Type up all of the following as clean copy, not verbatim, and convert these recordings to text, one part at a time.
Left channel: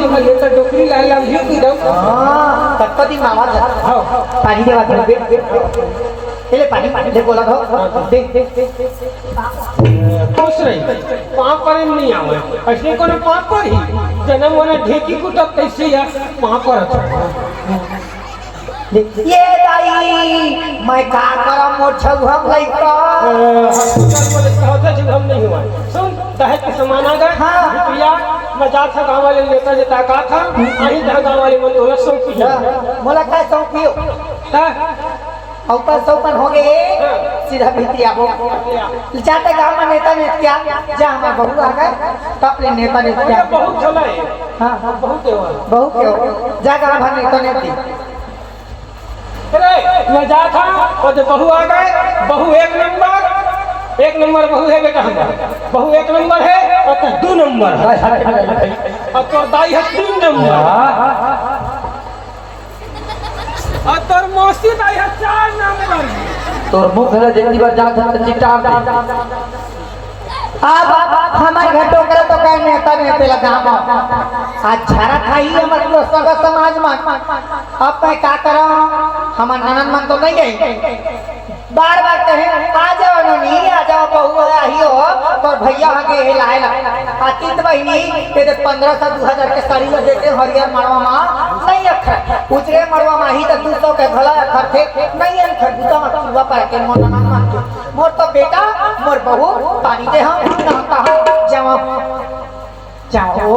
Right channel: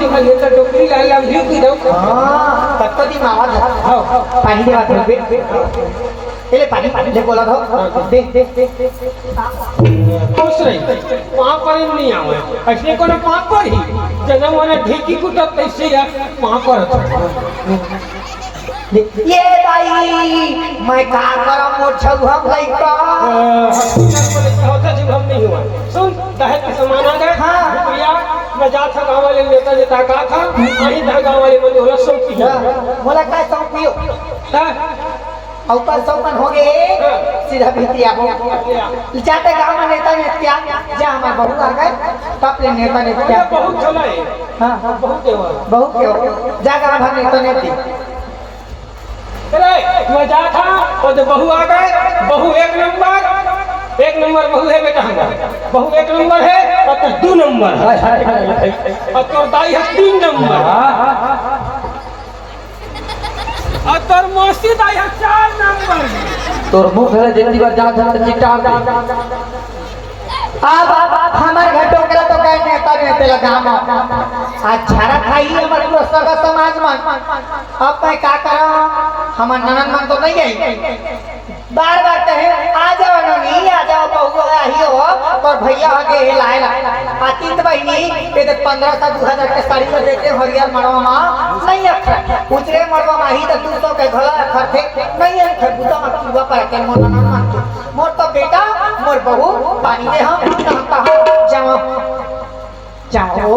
जी भले तो डोकरी लाल हम भी पी दो हां कत्तो दिन आवाज हां पानी दे बात ले पानी ले बोला दो दे खुश रही पाप पर नहीं आवे ऐसे कोनो पाप पर ही जन्म होने ढेकी कुटत कैसे या पाप पर ये दाई मैं का करम मोर छौहम लइका होता जब हम नहीं हुआ सुन दहेज के सामान आ गए हां रुपया मैं जा था गांव वाले नेता जे ताका था वही था गांव वाले बोले हो सौ की मोला का सौ पियो हां ऊपर सौपन हो गए सीधा भितिया जाते गांव में नेता ने क्या जा हमारे बहू आ गए तब ले नेता ने क्या बहुत चला है हां बहुत है बहुत क्यों जा गांव भर नेता ने दी अरे मैं जा था और जब बहू आ गए बहू एक नंबर बहू है बेटा हमारा बहू एक नंबर है और तो 2 नंबर है और तो दाई है 3 नंबर और तोर मौसी दाई है 4 नंबर तोर मुंह भले देती बार जा था तो चिट्टा अब हमारे घर टोकरा तो कहे नेता ने पहला गांव आज झाड़ा खाई हमारे लोग सब समाज में अब मैं क्या करूं हमार ननन मन तो नहीं आई बार बार कहे आ जाओ ननी आ जाओ बहू आई हो पर भैया आगे लाए ला आतीत बहिनी ये 15 से 2000 के साड़ी में देते हरियर मरवा मां नहीं अखर उतरे मरवा माही तो 200 के घला अखर थे नहीं अखर बुता पूरा पर के मोर ननन मन के मोर तो बेटा मोर बहू पानी दे हम कहता हो जाओ जाओ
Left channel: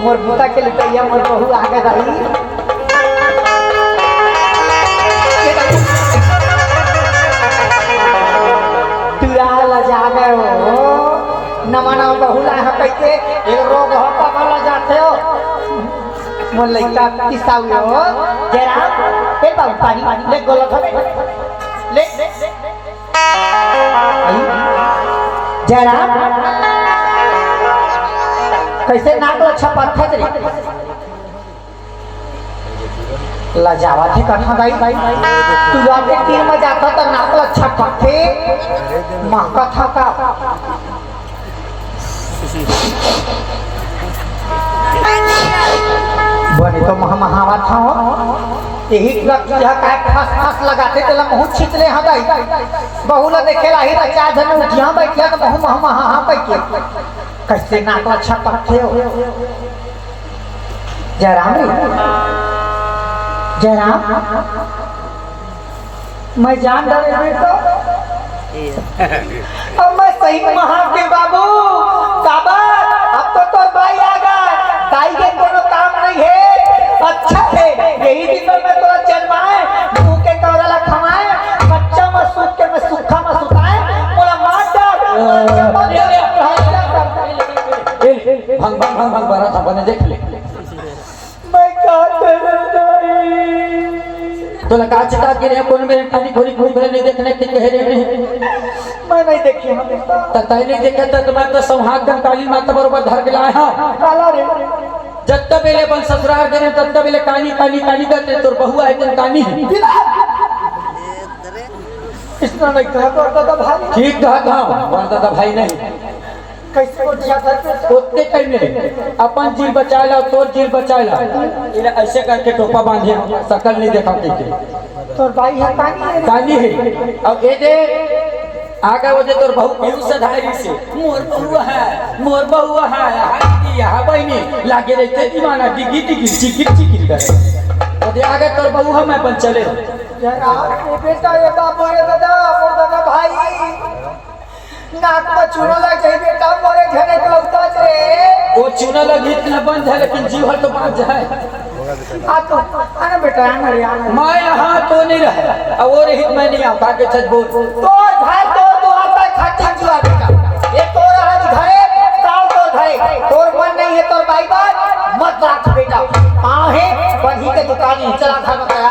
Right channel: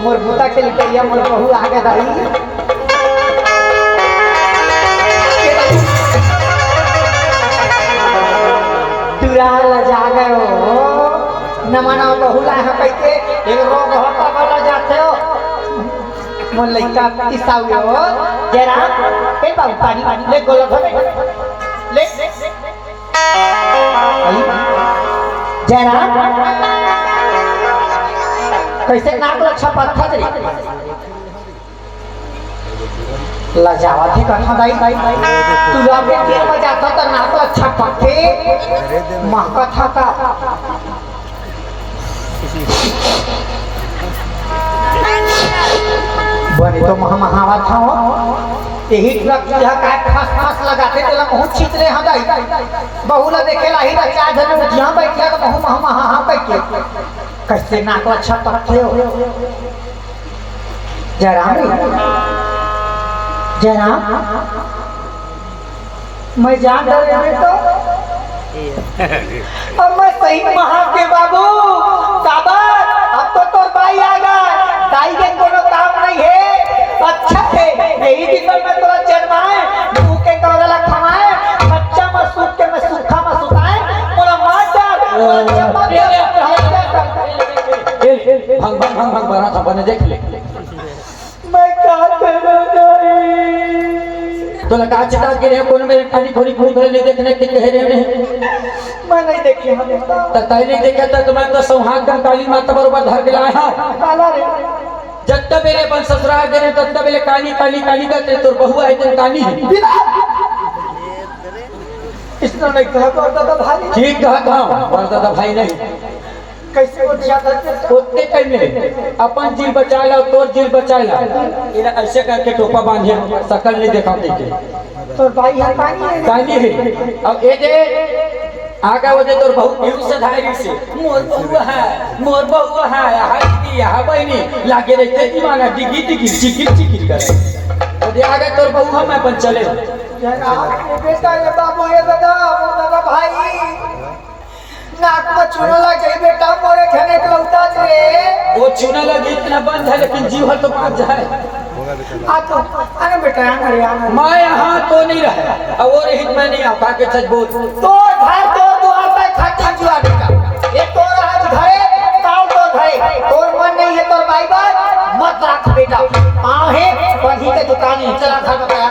मोर बुता के लिए मोर बहू आगे दाई तुरा जा गए हो न मना बहुला है कहते एक रोग होता वाला जाते हो मोर लइका किसाओ जरा ए बाबू पानी ले गोला धरे ले जरा कैसे नाक अच्छा पत्थर रे लजावा थी कथा दाई तू लोग के तीर में जाता तो नाक अच्छा पत्थे मां कथा का बने तो महावा था हो यही ट्रक जो है काय फास लगाते तो मुंह खींच ले हम दाई बहुला देखेला ही रचा धन उठिया बैठिया तो मुंह हां बैठिया कैसे नाक अच्छा पत्थे हो जरा मैं जान रहे तो अब मैं सही महा के बाबू काबर अब तो भाई आ गया दाई के कोनो काम नहीं है अच्छा है यही दिन में तो चरमाए मुंह के कौरला खवाए बच्चा में सूख के में सूखा में सुखाए बोला मार भंग बारा था बने देख ले मैं क्या तो लगा चिता के रे कोन मेरे खाली घोड़ी घूम रहे ले देखने के कह रहे मैं नहीं देखी हमें तो ताई नहीं देखा तो मैं तो सौहाग काली माता बरोबर धर के लाया हां काला रे जब तक मेरे बन ससुराल करे तब तक मेरे काली करते तो बहु है तो काली है इस तरह नहीं कहा तो भाई ठीक कहा था बोलता था भाई नहीं कैसे को दिया करते उतने टाइम में अपन जीव बचा ला तोर जीव बचा ला इन्हें ऐसे करके टोपा बांधे शकल नहीं देखा देखे तो भाई है काली है अब ये जे आगे वजह तोर बहुत व्यू से धारी से मोर बहुआ है हाय की हा बहनी लागे रहते दीवाना डिगी चिकिर करे तो आगे तोर बहुआ मैं बन चले बेटा ये बाबू ये दादा भाई नाक में चूना लग जाए बेटा मोरे घने के लौटा रे वो चूना लगी इतना बंद है लेकिन जीव तो बच जाए हां तो अरे बेटा आना मैं यहां तो नहीं रहा और हित में नहीं आता के सच बोल तो घर तो आता खाती जुआ बेटा ये तो आज घरे ताऊ तो घरे तोर मन नहीं है तो भाई बात मत रख बेटा आहे बही के दुकान चला खा बताया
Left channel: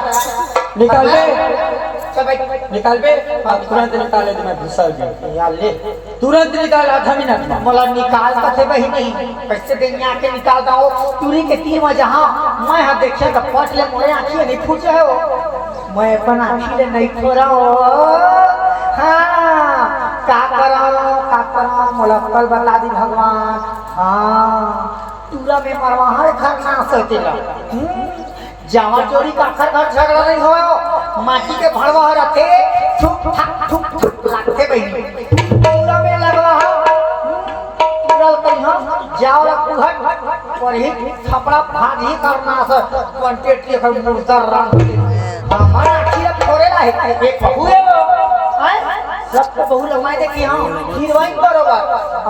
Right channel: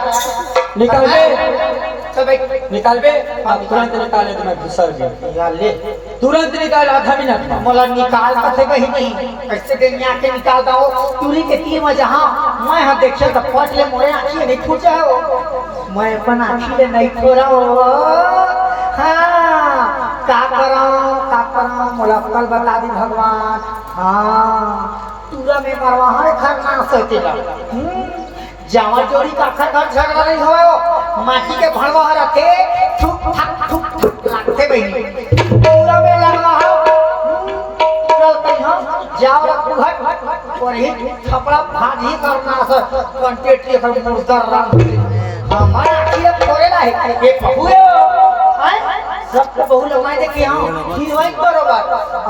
निकाल दे सब निकाल बे अब तुरंत निकाले तो मैं घुसा गया यार ले तुरंत निकाल आधा मिनट मला निकाल का थे वही नहीं कैसे दुनिया के निकाल दाओ तुरी के ती में जहां मैं हां देखिए तो फट ले मोरे आंखी नहीं फूटे हो मैं अपन आंखी ले नहीं खोरा हो हां का करो मोला कल बता दी भगवान हां तुरा में मरवा है खरना सतेला जावा चोरी का खर झगड़ा नहीं हो माटी के भड़वा रखे ठुक ठुक लागते बहिनी तुरा में लगवा हो तुरा कहीं जाओ कुहट पर ही थपड़ा भाजी करना सर कंटेट के कर मुर्दर राम हमारा आखिर थोड़े ना है एक बहुए सब बहु लोग आए देखिए हम हीरोइन बरोबर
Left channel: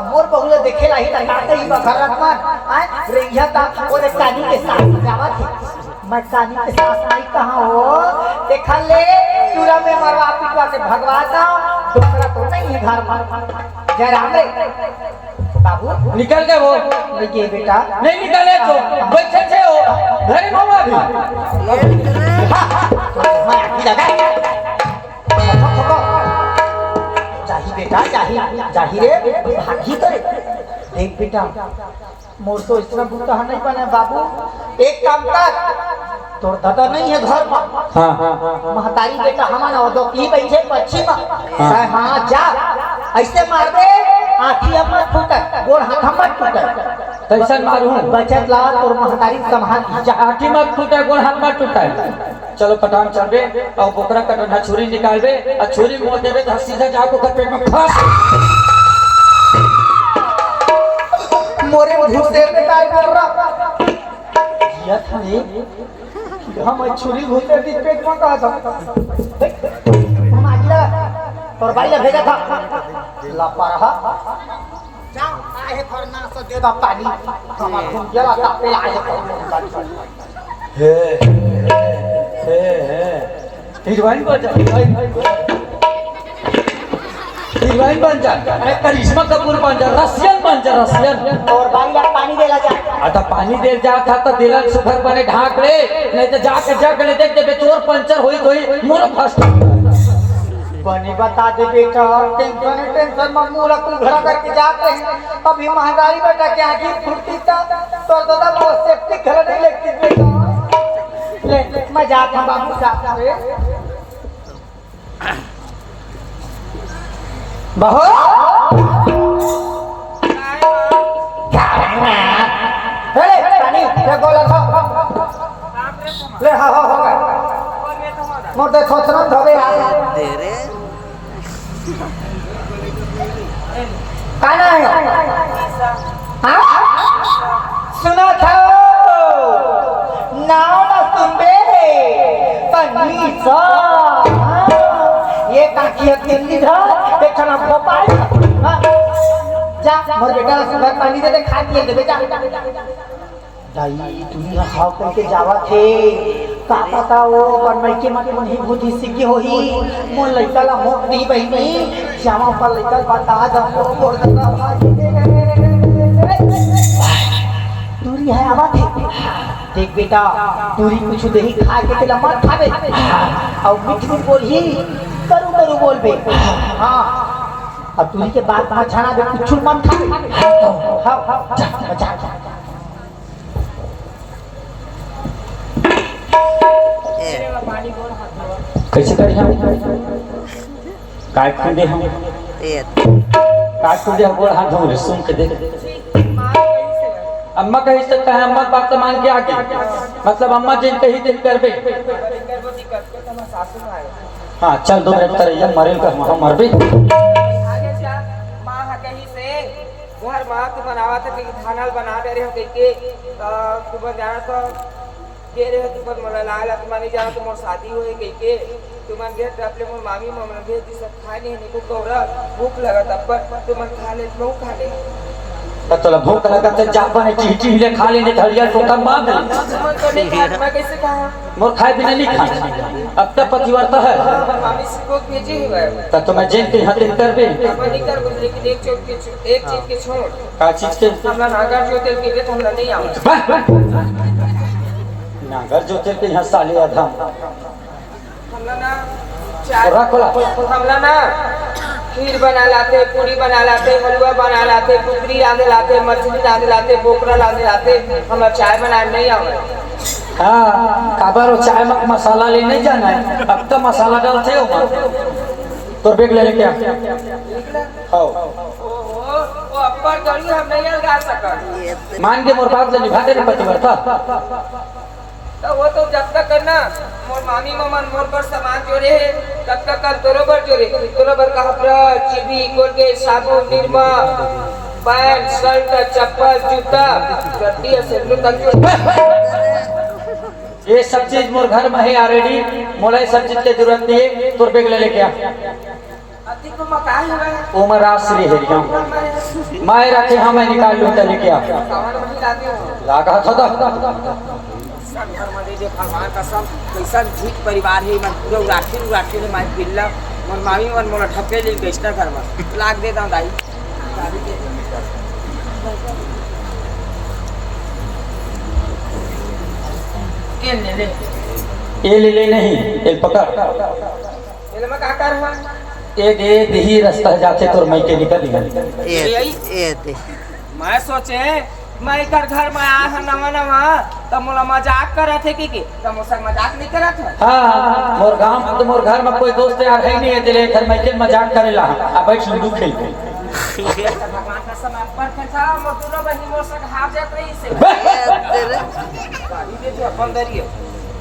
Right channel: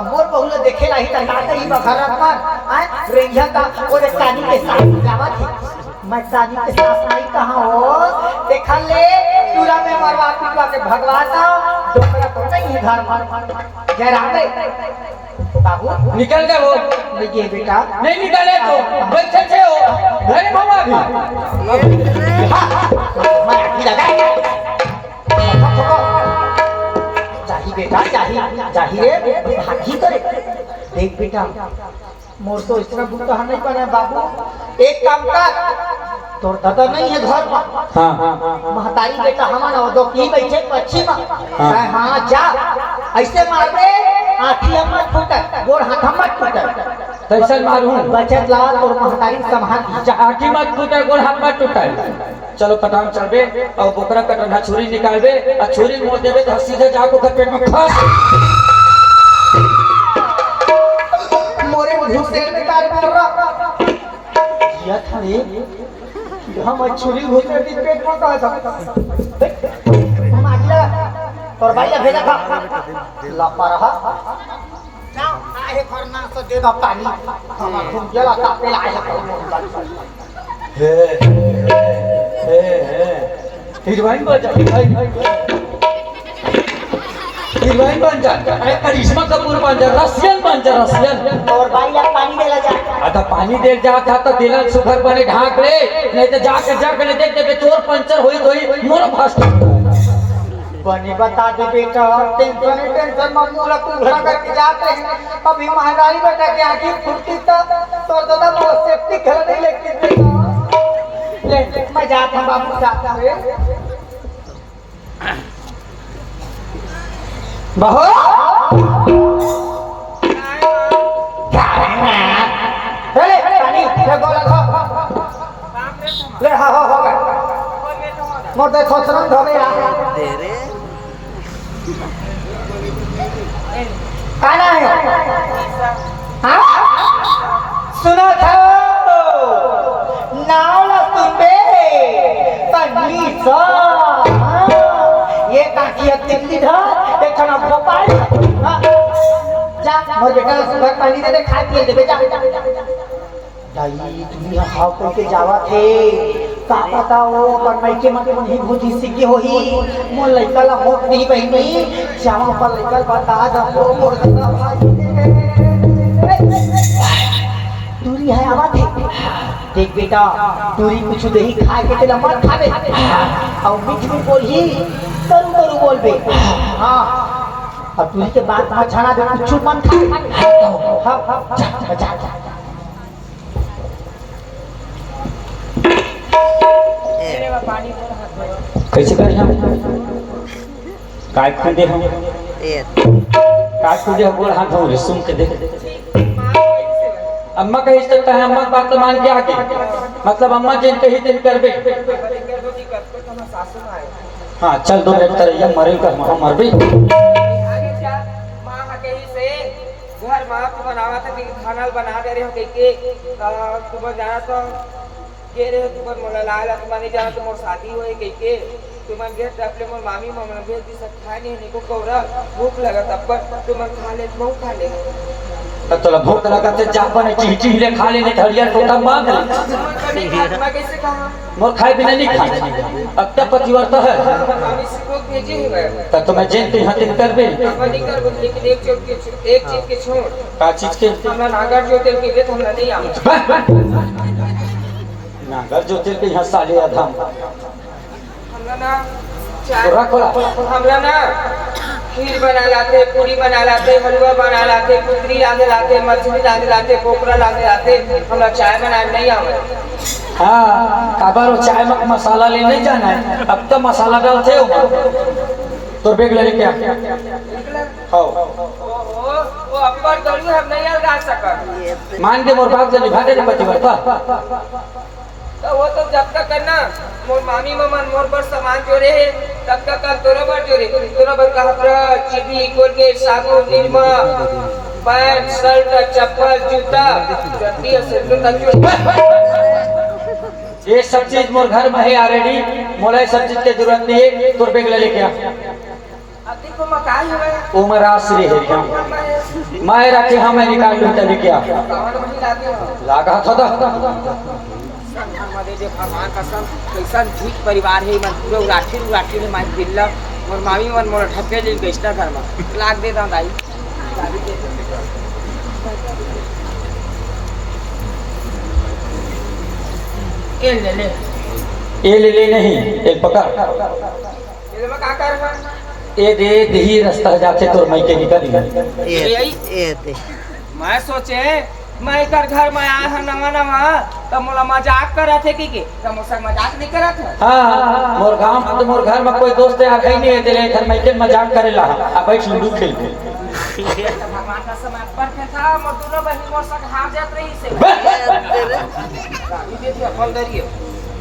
मोर बहु लोग देखे ला ही तगाते ही बखरत में आए रेंझा का ओरे कानी के साथ जावा थी मैं कानी के साथ नहीं कहां हो देखा ले पूरा में मरवा पिटवा के भगवाता दोकरा तो नहीं है घर में जय राम रे बाबू निकल गए वो देखिए बेटा नहीं निकले तो बैठे थे हो घरे बाबा भी मैं आखिर लगा बेटा जाही रे भागी करे देख बेटा मोर तो इस तरह बुता नहीं पाना बाबू एक काम कर तोर दादा नहीं है घर में हां महतारी बेटा हमारा वो दो की बैठे पश्चिम में हां जा ऐसे मार दे आंखी मत फूटे गोड़ हाथ मत फूटे कैसा मारू बचत ला तोर महतारी संभाल आठी मत टूटे गोड़ हाथ मत टूटे चलो कटाम चढ़बे और बोकरा कटना छुरी निकालबे और छुरी मोड़ देबे तो सीधा जाको के पेट में फंस मोरे घुसे निकाल कर रहा ये थाने हम छुरी घुसे दी पेट में का था तोर भाई ने भेजा था लपा रहा जाओ आए फरना से दे दो पानी हमार तुम गेला का पे आए हे हीरोइन बन जा हीरोइन बन जा करिश्मा कपूर बन जा रसियन बन जा रसियन और भाई यार पानी देला जा आता पानी दे जा था तो दिलन सुखर बने ढाक ले नहीं तो जाके देख दे चोर पंचर होई तो मोर फर्स्ट बनी बता दे बेटा टेंशन में मुंह रख घर करके जाते हैं अभी महंगाई बेटा क्या की फुर्ती तो दादा वो सेफ्टी घर नहीं लगती बेटा ले मैं जाता हूं बाबू साथ में बाहो हे पानी रे गोला ले हा हो गए मोर दे सोचना धोबे यार दे रे काना है हां सुनो था नाला सुनबे पन्नी सा ये काकी दिल्ली था एक खाना भोपाल जा मोर बेटा सुबह पानी दे खा के दे बेटा दाई तुम यहाँ खाओ करके जावा थे का पता वो पर मैं के मत नहीं भूजी सिकी होही मोर लइका ला मोट नहीं बहिनी जावा पर लइका बता जा वो मोर का भाई दूरी है आवा थे देख बेटा दूरी कुछ दही खा के तेला मत खाबे और मीठ मीठ बोलही करू बोलबे हां अब दूरी के बाद ना छाना दे कुछ मत खा हां जा कैसे करी हम काय खुदे हम काय खुदे गोड़ हाथ धो सुन के देख अम्मा कही सकता है अम्मा बात तो मान के आगे मतलब अम्मा जिन कही दिन करबे हाँ चल दो मिनट तरह मरे का हम मरबे आगे क्या मां हा कही से घर मां तो बनावा था कि खाना बना दे रहे हो कह के सुबह जाना था के रहे तुमन मोला लाला तुमन नहीं जाना तो मोर शादी होए कह के तुमन घेर अपने मोर मामी ममन भेज दी सब खा नहीं निको कौरा भूख लगा तब पर तुमन खा ले बहु खा ले तो तोला भूख लगा तो जा बने चीटी ले खा ले नहीं धड़िया को कम मार दे तुमन को नहीं खा मैं कैसे खा मोर खाए बिना नहीं खा अब तक पतिव्रता है मामी से को भेजे हुए तब तो मैं जेल के हाथ करबे अब नहीं कर लेकिन एक चीज के छोड़ का चीज के हमरा नागर जो तेल के हमरा नहीं आवे नागर जो तेल के यहाँ साले अधम हमला ना हमला ना खीर बना लाते पूरी बना लाते हलवा बना लाते पुत्री रांधे लाते मछली रांधे लाते बोकरा रांधे लाते हमरा चाय बनाने नहीं आवे हाँ खबर हो चाय में मसाला ले नहीं जाना है अब तो मसाला डालते हो तो बेग ले क्या हाँ ओ अपर नहीं हम नहीं अलगा सकल। मान के मोर बाप से निभा दे बचवा था तो वो तो जब तक करना मोर मामी ममन मोर पर सामान जोड़े है तब तक कर तोरो पर जोड़े तोरो पर कपड़ा चिबी कोलगेट साबुन निरमा पैंट शर्ट चप्पल जूता जल्दी से तक जोड़े। ये सब चीज मोर घर में है ऑलरेडी, मोला ये सब चीज की जरूरत नहीं है। तोर बैग ले लेके आ। अब देखो मकान है उमर आश्री है हम मैं रखे हम मैं निकाल लूं तब लेके आ। सामान वही लाती हो लागा था घर में दे भगवान कसम कैसन झीक परिवार है मन पूरा उराठी है माई बिल्ला मोर मामी मन मोला ठके ले बेचना घर में लाग देता हूं दाई गाड़ी दे ये ले ले ले नहीं ये पकड़ ये मैं का कर रहा ये दे दही रास्ता जाते तोर मई के निकल मैं सोचे मैं कर घर में आया है नवा तब मोला मजाक करे थे कि तब मोसा मजाक नहीं करा था। हां मोर गांव में तो मोर घर में कोई दोस्त यार है नहीं है तेरे घर में के मजाक करेला आ बैठ लूडो खेल के भगवान का समय पर था मोर दोनों बहिन मोर संग हाथ जात रही से गाड़ी दे थी अपन दरियो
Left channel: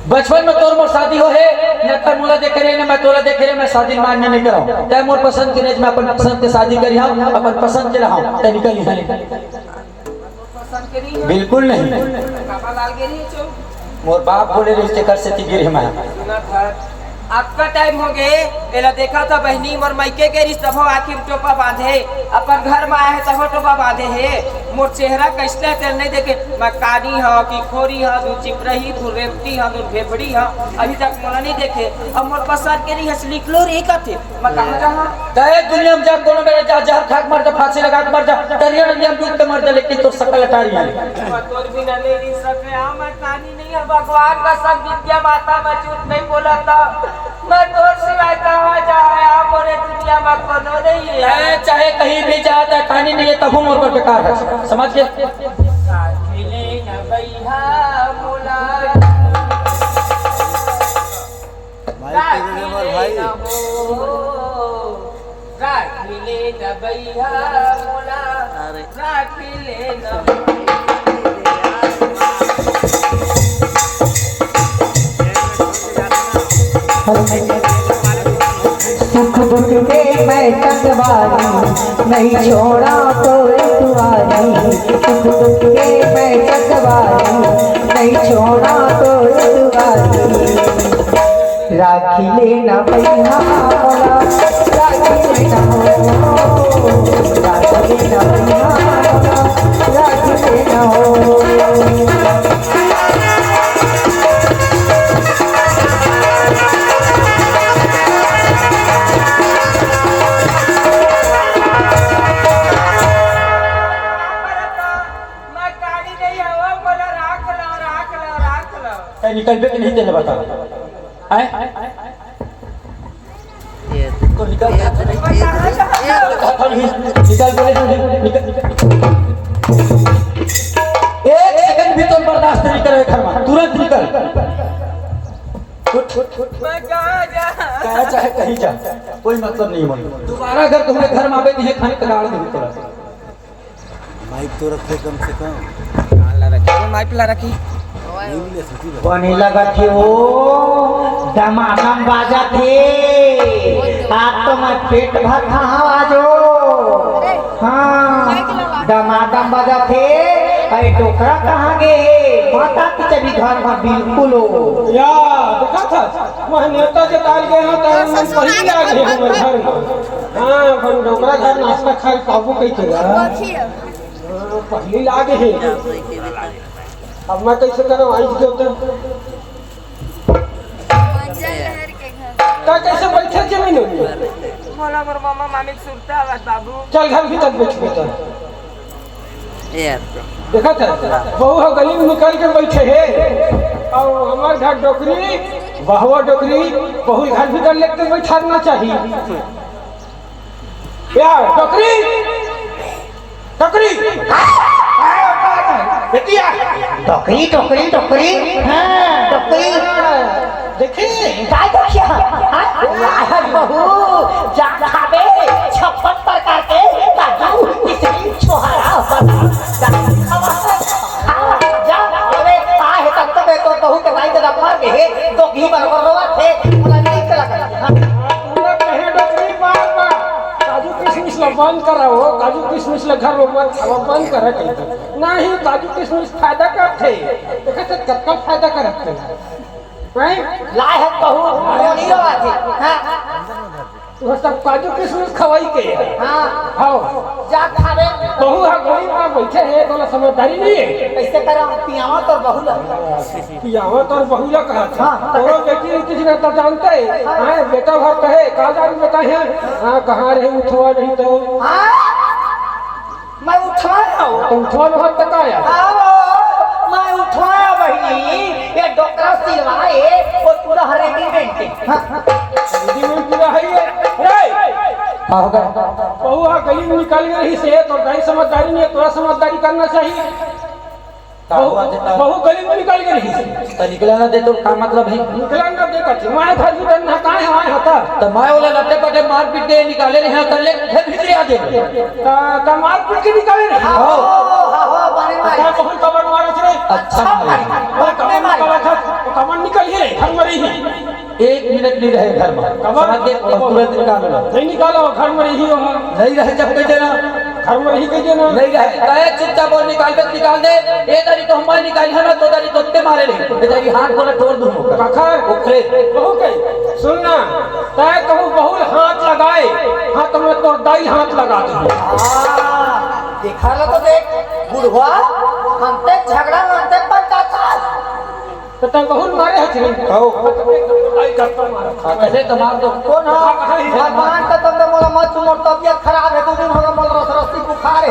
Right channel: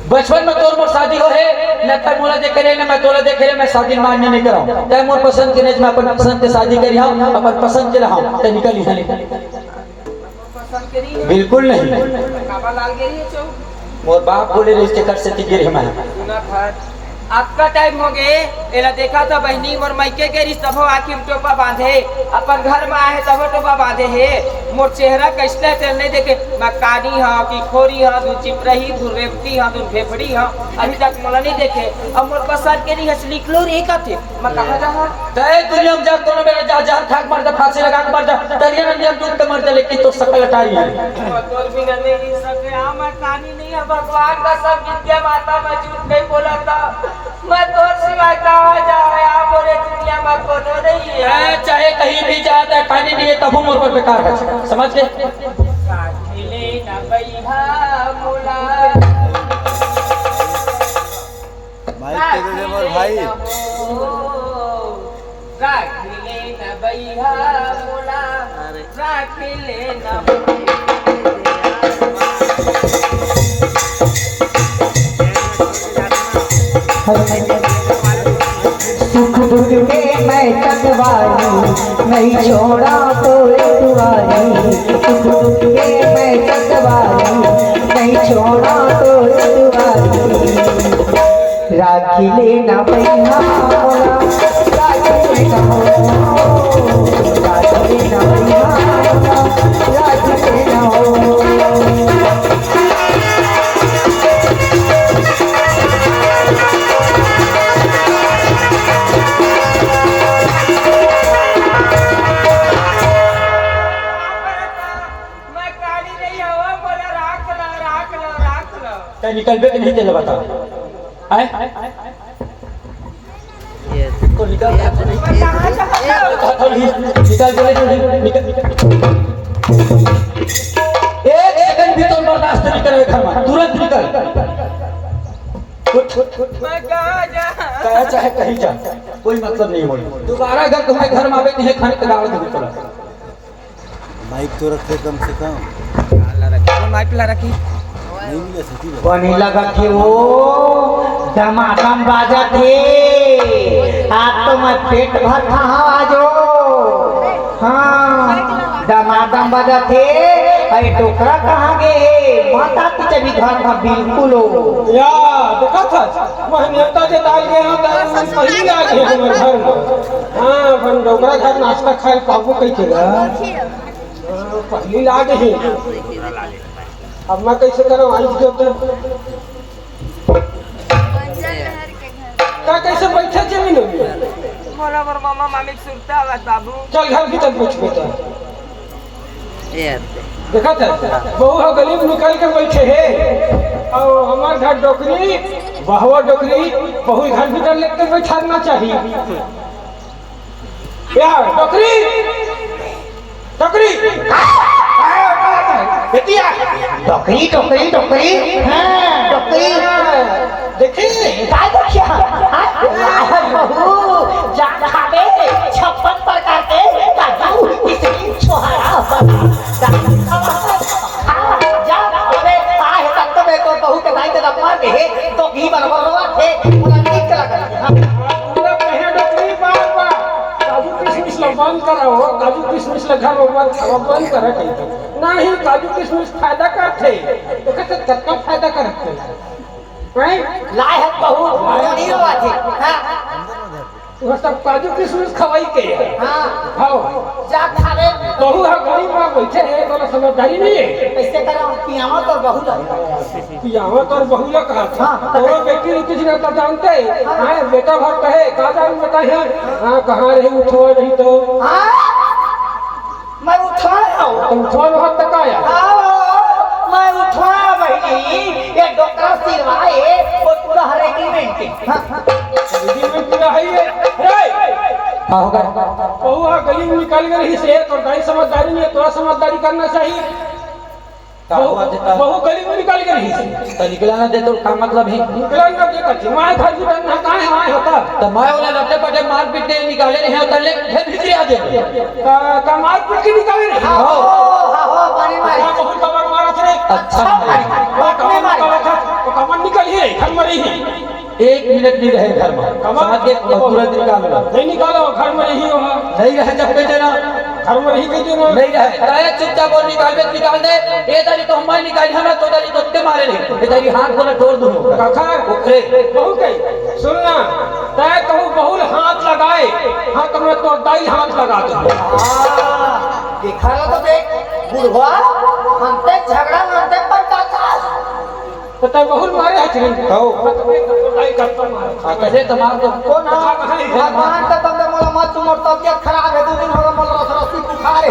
बचपन में तोर मोर शादी हो है न त मोला देखे रही न मैं तोला देखे रही मैं शादी मानने नहीं कराऊं तै मोर पसंद के मैं अपन पसंद के शादी करी हूं अपन पसंद के रहूं त निकल यहां पसंद करी है बिल्कुल नहीं काबा लाल गेरी है चो मोर बाप बोले रहे इसके कर से ती गिर मैं सुना था आपका टाइम हो गए एला देखा था बहनी मोर मायके के रिश्ता हो आखिर टोपा बांधे अपन घर में आए तब टोपा बांधे है मोर चेहरा कैसे चलने देखे मकानी है कि खोरी है दू चिपरही दू रेवती है दू भेबड़ी है अभी तक मोला नहीं देखे अब मोर पसंद के लिए लिखलो रे कथे मैं कहां जहां तय दुनिया में जा कोनो मेरे जा जहर खाक मर जा फांसी लगा के मर जा तरिया नदिया में डूब के मर जा लेकिन तो सकल अटारी है तोर भी नहीं रह सके आ मैं कहानी नहीं है भगवान का सब विद्या माता मैं झूठ नहीं बोला था मैं तोर सिवाय कहां जा है आप और दुनिया में कोनो नहीं है तय चाहे कहीं भी जाता कहानी नहीं है तब मोर पर बेकार है समझ गए खेले ना बैहा मोला भाई तेरे मोर भाई राखिले न बैहा मोला राखिले न सुख दुख के मैं संगवारी नहीं छोड़ा तो तुम्हारी सुख दुख के मैं संगवारी नहीं छोड़ा तो तुम्हारी राखी लेना बैहा मोला राखी लेना राखी लेना बैहा राखी लेना मैं गाड़ी नहीं हवा बोला राख लो तय निकल बे नहीं चले बता हैं तो निकल रहा था नहीं मैं कहां जा निकल गए निकल एक सेकंड भी तुम बर्दाश्त नहीं करे घर में तुरंत निकल मैं कहां जा कहा चाहे कहीं जा कोई मतलब नहीं होगी दोबारा अगर तुम्हें घर में आवे तो ये खाने के डाल दे चला माइक तो रखे कम से कम कौन माइक ला रखी नहीं मिले सती बने लगा कि वो दमादम बाजा थे आप तो मैं पेट भर कहाँ आजो हाँ दमादम बाजा थे अरे टोकरा कहाँ गए माता की चली घर में बिल्कुल हो या देखा था मैं नेता के डाल गए हैं तो मैं पहले आ गए हमारे घर में हां अपन डोकरा का नाश्ता खाए काबू कैसे गया पहले ला गए हैं अब मैं कैसे करूं आज के तो का कैसे बैठे जमीन में मोला मोर मामा मामी सुरता आवाज बाबू चल घर भीतर बैठ बेटा देखा था बहू हो गली में निकल के बैठे है और हमारे घर डोकरी बहुआ डोकरी बहू घर भीतर लेकर बैठाना चाहिए यार डोकरी डोकरी बेटिया टोकरी टोकरी टोकरी हाँ टोकरी देखिए काय देखिए हाँ बहू जान खावे 56 प्रकार के बाबू इसकी छोहारा जा अरे का है तब तब तो बहू के दाई तेरा मार के है तो घी बरबर रोआ थे पूरा नहीं चला कर पूरा कहे डकरी पार का काजू किशमिश ला बंद कराओ काजू किशमिश ला घर में बंद कर रखे नहीं काजू किशमिश फायदा करते देखे तो कितना फायदा करते नहीं लाए है बहू नहीं रोआ थे हां तू सब काजू किशमिश खवाई के हां खाओ जा खा ले बहू है गरीब में बैठे है तो समझदारी नहीं है कैसे करा पियावा तो बहू ला यहाँ तो बहु लोग कहा था और बेटी किसी ने तो जानते हैं बेटा भर कहे कहा जान बेटा है हाँ कहाँ रहे उठवा नहीं तो हां मैं उठाया तो उठवा बहुत तक आया मैं उठाया बहनी ये डॉक्टर सिलवाए वो पूरा रेजिमेंट दीदी में पूरा है ये हाँ हो गया बहु आ गली में निकल गई से तो दाई समझदारी नहीं थोड़ा समझदारी करना चाहिए बहु गली में निकल गई से तो निकला ना दे तो का मतलब है निकला ना देखा थी मैं घर भी करना कहाँ है वहाँ होता तो मैं बोले लट्टे पटे मार पीट के निकाले रहे हैं तले फिर भीतर आ दे तो मार पीट के निकाले नहीं हो बने मारे बहुत कमर मारा थे अच्छा वो कमर मारा था वो कमर निकल ही रही घर में रही एक मिनट नहीं रहे घर में समझ के तुरंत निकाल लो नहीं निकालो घर में रही वहाँ नहीं रहे जब कहते ना घर में रही कही ना नहीं रहे ताया चुपचाप बोल निकाल दे ये तारी तो हमारी निकाल है ना तो तारी तो मारे नहीं ये तारी हाथ को ना तोड़ दूं काका ओके बहू कही सुनना तय कहूँ बहुल हाथ लगाए हाथ में तो दाई हाथ लगा दो देखा लो तो देख बुढ़वा अंते झगड़ा अंते पंचायत तो तय बहुल मारे है चिरिन आओ। दाई चप्पल मारे कैसे तो मार दो कौन है भगवान का तुमने मोला मत सुनो तबियत खराब है 2 दिन हो मोला रस्सी बुखार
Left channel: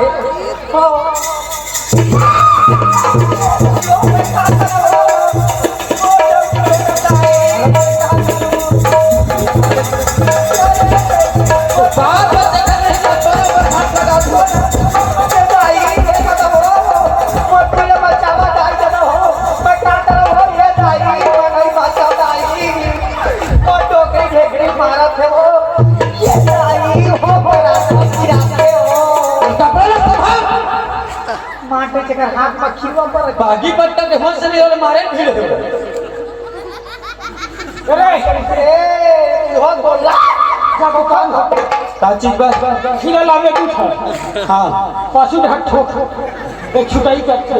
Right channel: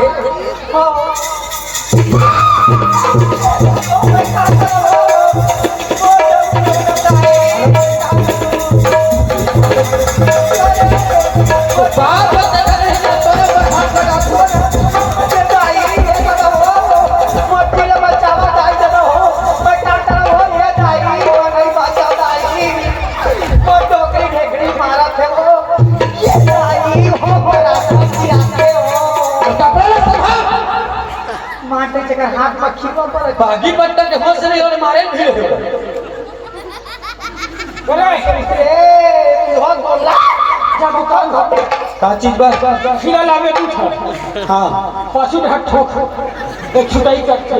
माटे चकर हाथ में खीवा पर बागी पत्ता के होश नहीं और मारे भीड़ ए हो बोला जब कौन का चीज बस खीरा लावे उठा हां पशु ढक ठोक एक छुटाई करके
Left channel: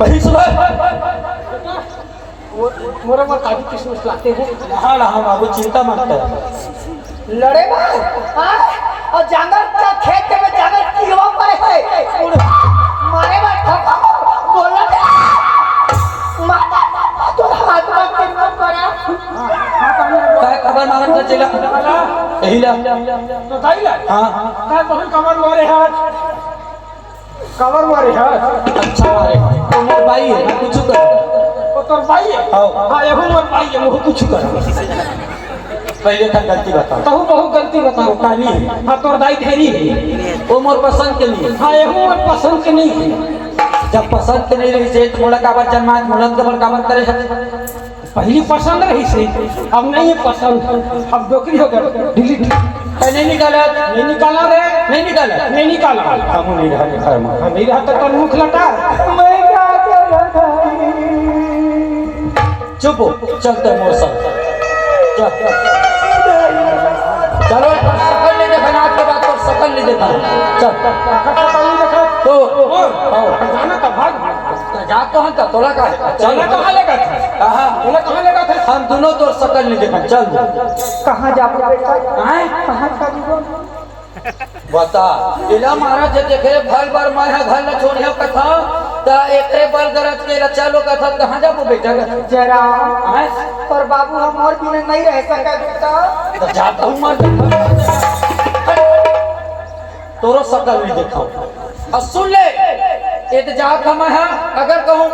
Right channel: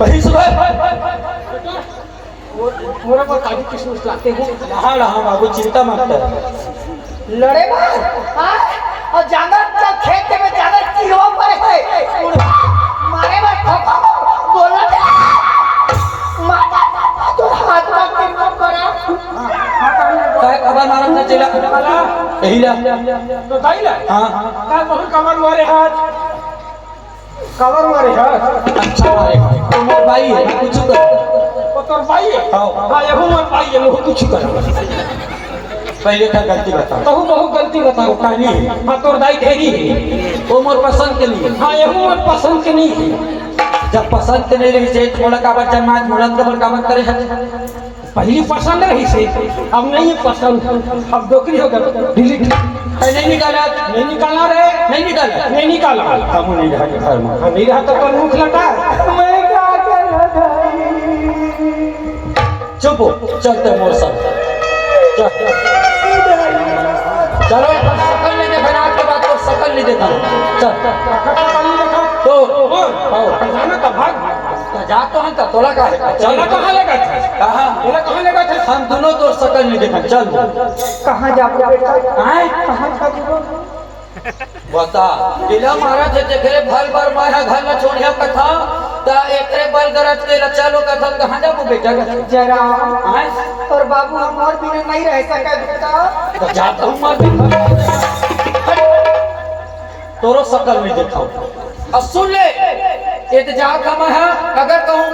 पही सुबह मोरे पर काजू किशमिश लाते हैं नहा रहा बाबू चिंता मत कर लड़े हां और जानवर का खेत के में जानवर की हो पड़े है मारे मत बोला माता तो हाथ में पकड़ पड़ा काय खबर मालूम था चला यही ला तो दाई ला हां काय बहुत कमर मारे हाथ कमर मारे हाथ अच्छा मारे तो मोर भाई है कुछ कर तो तोर भाई है हां ये मोर भाई है मोह कुछ कर पहले का गलती बता तो बहुत गलती बताओ कहानी है हाँ तोर दाई ढेरी है वो मोर पसंद के लिए हाँ ये मोर पसंद के नहीं है जब पसंद के नहीं रही से मोला काबर जन्मा मोला कबर काबर करे है पहली पसंद रही से अब नहीं है पसंद अब डोकरी हो गया डिलीट नहीं निकाला नहीं निकाला रे नहीं निकाला नहीं निकाला हम नहीं रहा घर में नहीं रहा तो तेरे मुख लटा मैं क्या करूं चुप हो, चलते मौसम चलो सकल नहीं देखा आज के बाद तो सकल नहीं देखा चल तो जाना का भाग तो जा तो हम तोला का चला कहाँ लगा था कहां कहाँ लगा था हम दोनों तो सकल नहीं देखा चल कहां जाओ बेटा आए कहां जाओ बता इला मारा थे देखे घर पर मैं घर न छोड़िया कथा ता एकरे बल दरद के चलो कथा कहां जाबो बेटा जरा आए और बाबू हम और बिना नहीं रह सके बेटा तो जाता हूं मार तोरो सकल नहीं देखा अब सुन ले ये तो जात का मैं अगर कहूं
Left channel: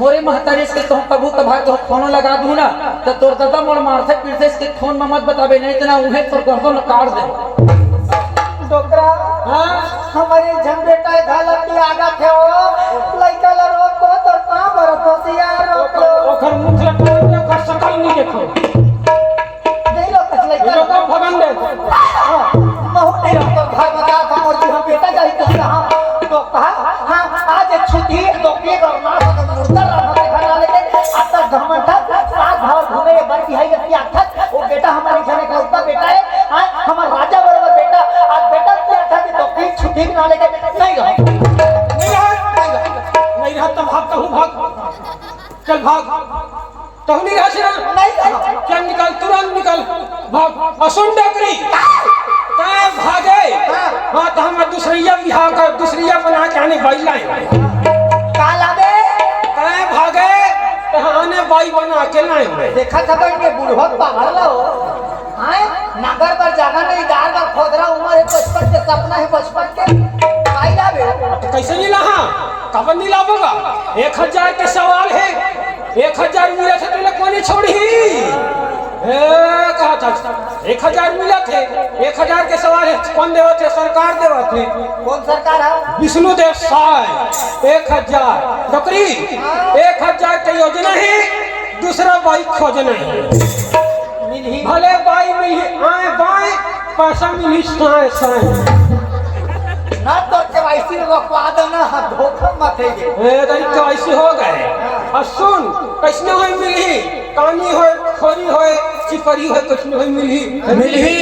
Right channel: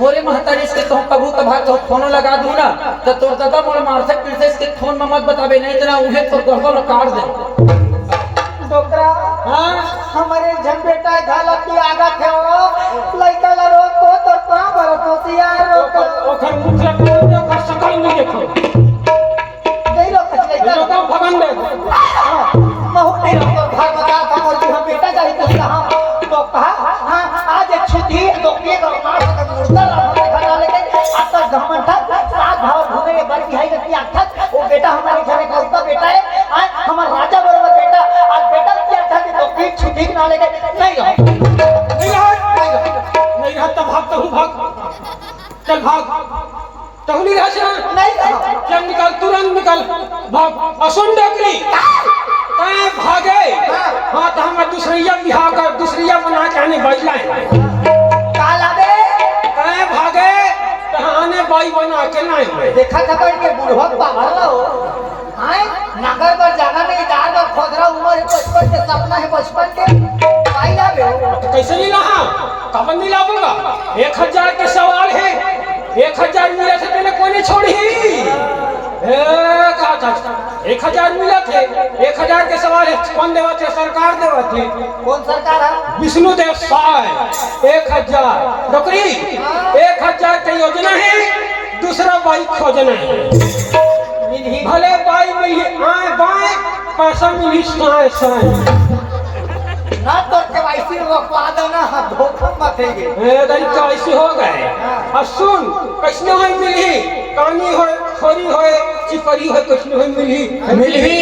मोरे महतारी से तो कबू कभा तो फोन लगा दूं ना तो तोर दादा मोर मार से फिर से इसके फोन में मत बताबे नहीं इतना उन्हें तो गर्दन काट दे डॉक्टर हाँ हमारे झन बेटा घालत की आगत है वो लइका ला रोक को तो पा बर होशियार रोको ओखर मुख लटके ओकर शकल नहीं देखो नहीं लो कचले ये लोग भगन दे ना हो नहीं रोको घर बता था और जी हम बेटा चाहिए तो हाँ तो कहा हाँ आज एक छुट्टी तो एक और मां का मुर्दा हमारे घर वाले के आज तक घमंडा साथ धावा घूमे बल्कि है कि आखा वो बेटा हमारे घर का उसका बेटा है हमारा राजा बराबर बेटा आज बेटा क्या था कि तो की छुट्टी ना लेके नहीं रहा नहीं रहा तब भागता हूँ भाग चल भाग तो नहीं रहा नहीं चल निकल तुरंत निकल भाग असुन डकरी कहे भागे हाँ तो हम दूसरिया बिहार का दूसरिया बना के आने बाई लाए काला दे कहे भागे तो आने बाई बना के लाए देखा था के बुढ़वा पावर लो हां नगर पर जाना नहीं दाल पर खोद रहा उम्र है 55 के सपना है 55 के भाई लावे कैसे नहीं लाहा कब नहीं लाऊंगा 1000 के सवाल है 1000 मिला थे तेने कोई छोड़ी कहा था 1000 मिला थे 1000 के सवाल है कौन देवा थे सरकार देवा थे कौन सरकार है विष्णु देव साय 1000 नौकरी 1000 की योजना है दूसरा बाई खोजना है भले बाई मिली आए बाई पैसा मिली साए साए ना तो केवाईसी रोकवा देना धोखा मत है ए गरीब कैसे हो गए और सुन कैसने होई मिली कानी होए खोरी होए चिपरी होए कैसने होई मिलही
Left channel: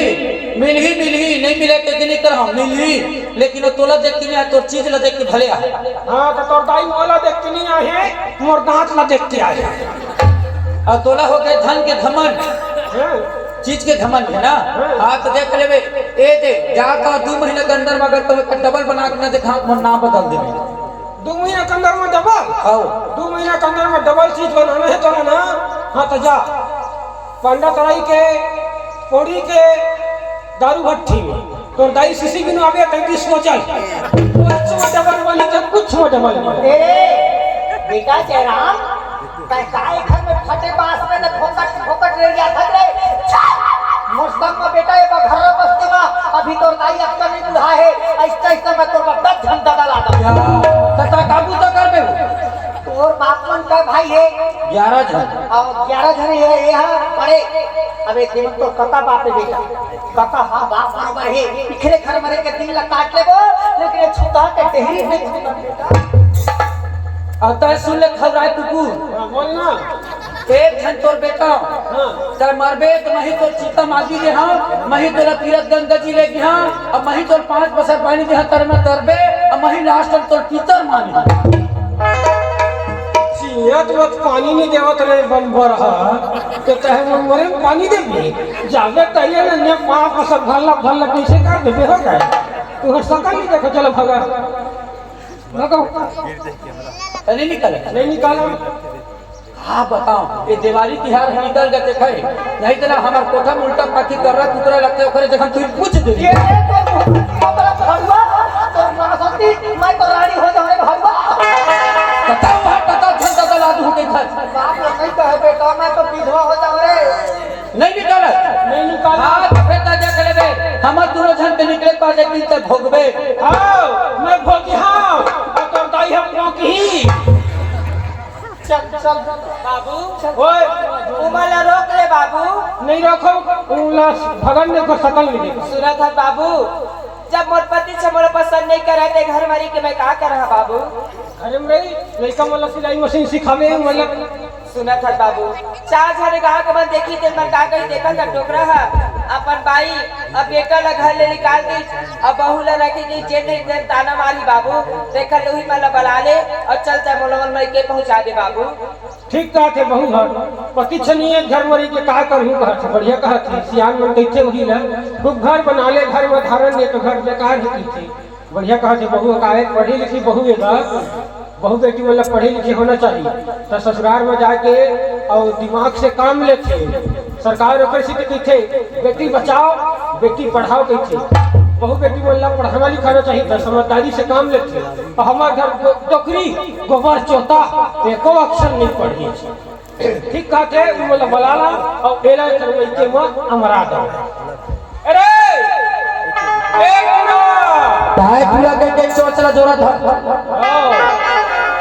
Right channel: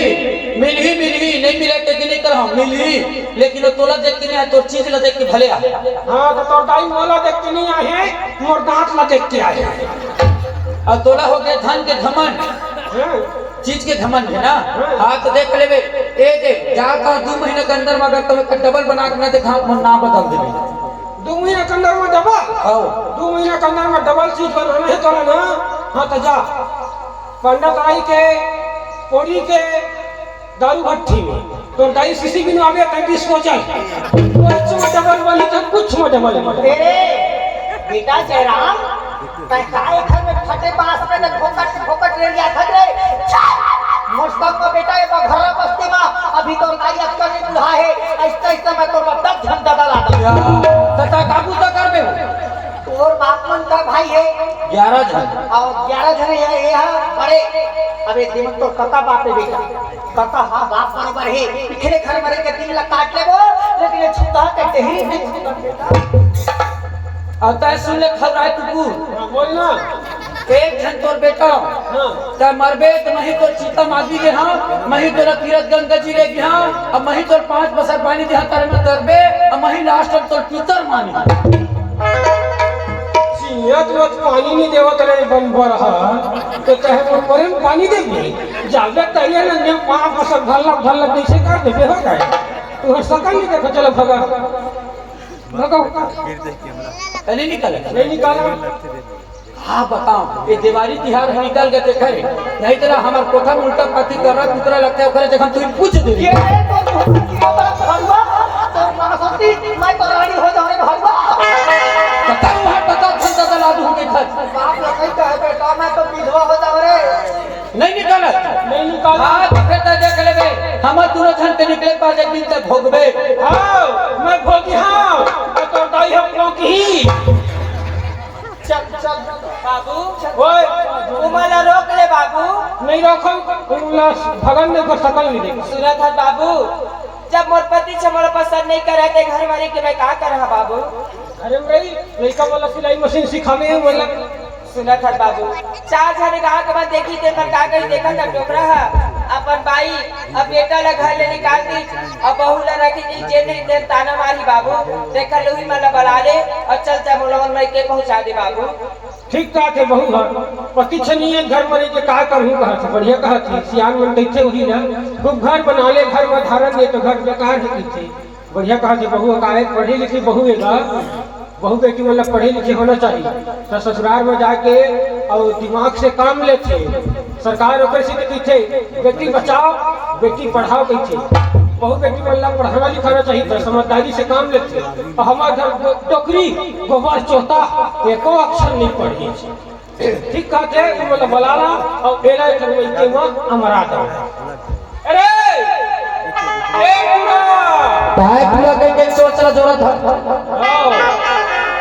नहीं मिले ते दिन कर हम मिलही लेकिन तोला देख के नहीं तो चीज ला देख के भले आ हां तो तोर दाई मोला देख के नहीं आए मोर दांत ला देख के आए और तोला हो गए धन के घमंड चीज के घमंड है ना हाथ देख लेबे ए दे जाका 2 महीने के अंदर में अगर तो डबल बना के ना दे हम ना बदल दे 2 महीने के अंदर में डबल आओ 2 महीने के अंदर में डबल चीज बनाना है तो ना हां तो जा पंडित राई के पौड़ी के दारू भट्टी में तो दाई सीसी गिनवावे 35 को चल कुछ डबल वाली तो कुछ डबल ए बेटा जयराम तय काय घर में फटे बांस में न फोकट ले गया था रे मुस्तक का बेटा ये घर बस्ती में अभी तो लाई रखता नहीं बुढ़ा है ऐसा ऐसा मैं तो 10 घंटा डाला दूं तथा काबू तो कर बे और बापन का भाई है 11 जन और 11 जन ये बड़े अबे दिन तो कता बाप है बेटा कता हां बाप बराबर है बिखरे घर मरे के दिन ला काट ले वो लेकिन छुता के ढेरी नहीं खबर बेटा और तय सुन ले खबराय तुकू बोलना एक जन तोर बेटा तय मरबे तो मही तोर चिता मागी ले हां मही तोर तीरथ गंगा जी ले गया और मही तोर 5 बसर पानी दे तर में तरबे और मही लास्ट तोर पीतर मानी चियत मत पानी नहीं देवत रे बन रहा तो चाहे वो मरे पानी दे भी जावे तैयार ने 5 बसर भल्ला कैसे कर दे हो गए तू सकल नहीं देखो चलो भगा भगा नहीं निकल नहीं निकाला हाँ बताओ ये दिवाली तिहार हम निकल गए थे खैर नहीं तो ना हमार कोठा में उल्टा पाथी कर रहा कुतरा लगता है करे जब तू पूछ दे ये भगवा तो रासती मैं तो रानी हो जाऊं रे भगवा पता घंटा चला दूं के घर बाप रे कहीं कहे बेटा मैं तो विधवा हो जाऊं रे नहीं निकल नहीं निकाला हाँ देखता देख लेबे हम दोनों जन के निकले पास एक दिन तक भोगबे आओ मैं भोगी हां तो दाई हम भोगी चल बाबू ओए उमाला रोक ले बाबू नहीं रोको भगन ने को सकल नहीं देखा सुना था बाबू जब मोर पति से मोर पसंद नहीं कर रहे थे घर मरी के मैं क्या कर रहा बाबू अरे भाई लड़का वाला सिलाई मशीन सिखावे वाला सुना था बाबू 4 जने कहा के मैं देखी थे मैं का कहीं देखा था टोकरा है अपन भाई अब बेटा ला घर ले निकाल दी अब बहू ला रखी गई जे देख दे ताना मारी बाबू देखा लोही मला बला ले और चलता मोलवन में के पहुंचा दे बाबू ठीक कहा थे बहु घर पति छनिए घर मरी के का करहूं कहा थे बढ़िया कहा थी सियान मन कैसे वही ना खूब घर बना ले घर में धारण दे तो घर बेकार ही थी बढ़िया कहा थे बहु का एक पढ़ी लिखी बहु है बहु बेटी मतलब पढ़ी लिखी होना चाहिए तो ससुराल में जाके और दिमाग से काम लेते सरकार ओकर से कहती थे बेटी बचाओ बेटी पढ़ाओ कहती बहु बेटी मतलब पढ़ाना लिखाना चाहिए था समझदारी से काम लेते और हमारे घर टोकरी गोबर चौथा एको अक्षर नहीं पढ़ी ठीक कहते मतलब बलाना और एला करवैते में हमारा दो अरे ए पूरा ताए पूरा के चोचला जोरा था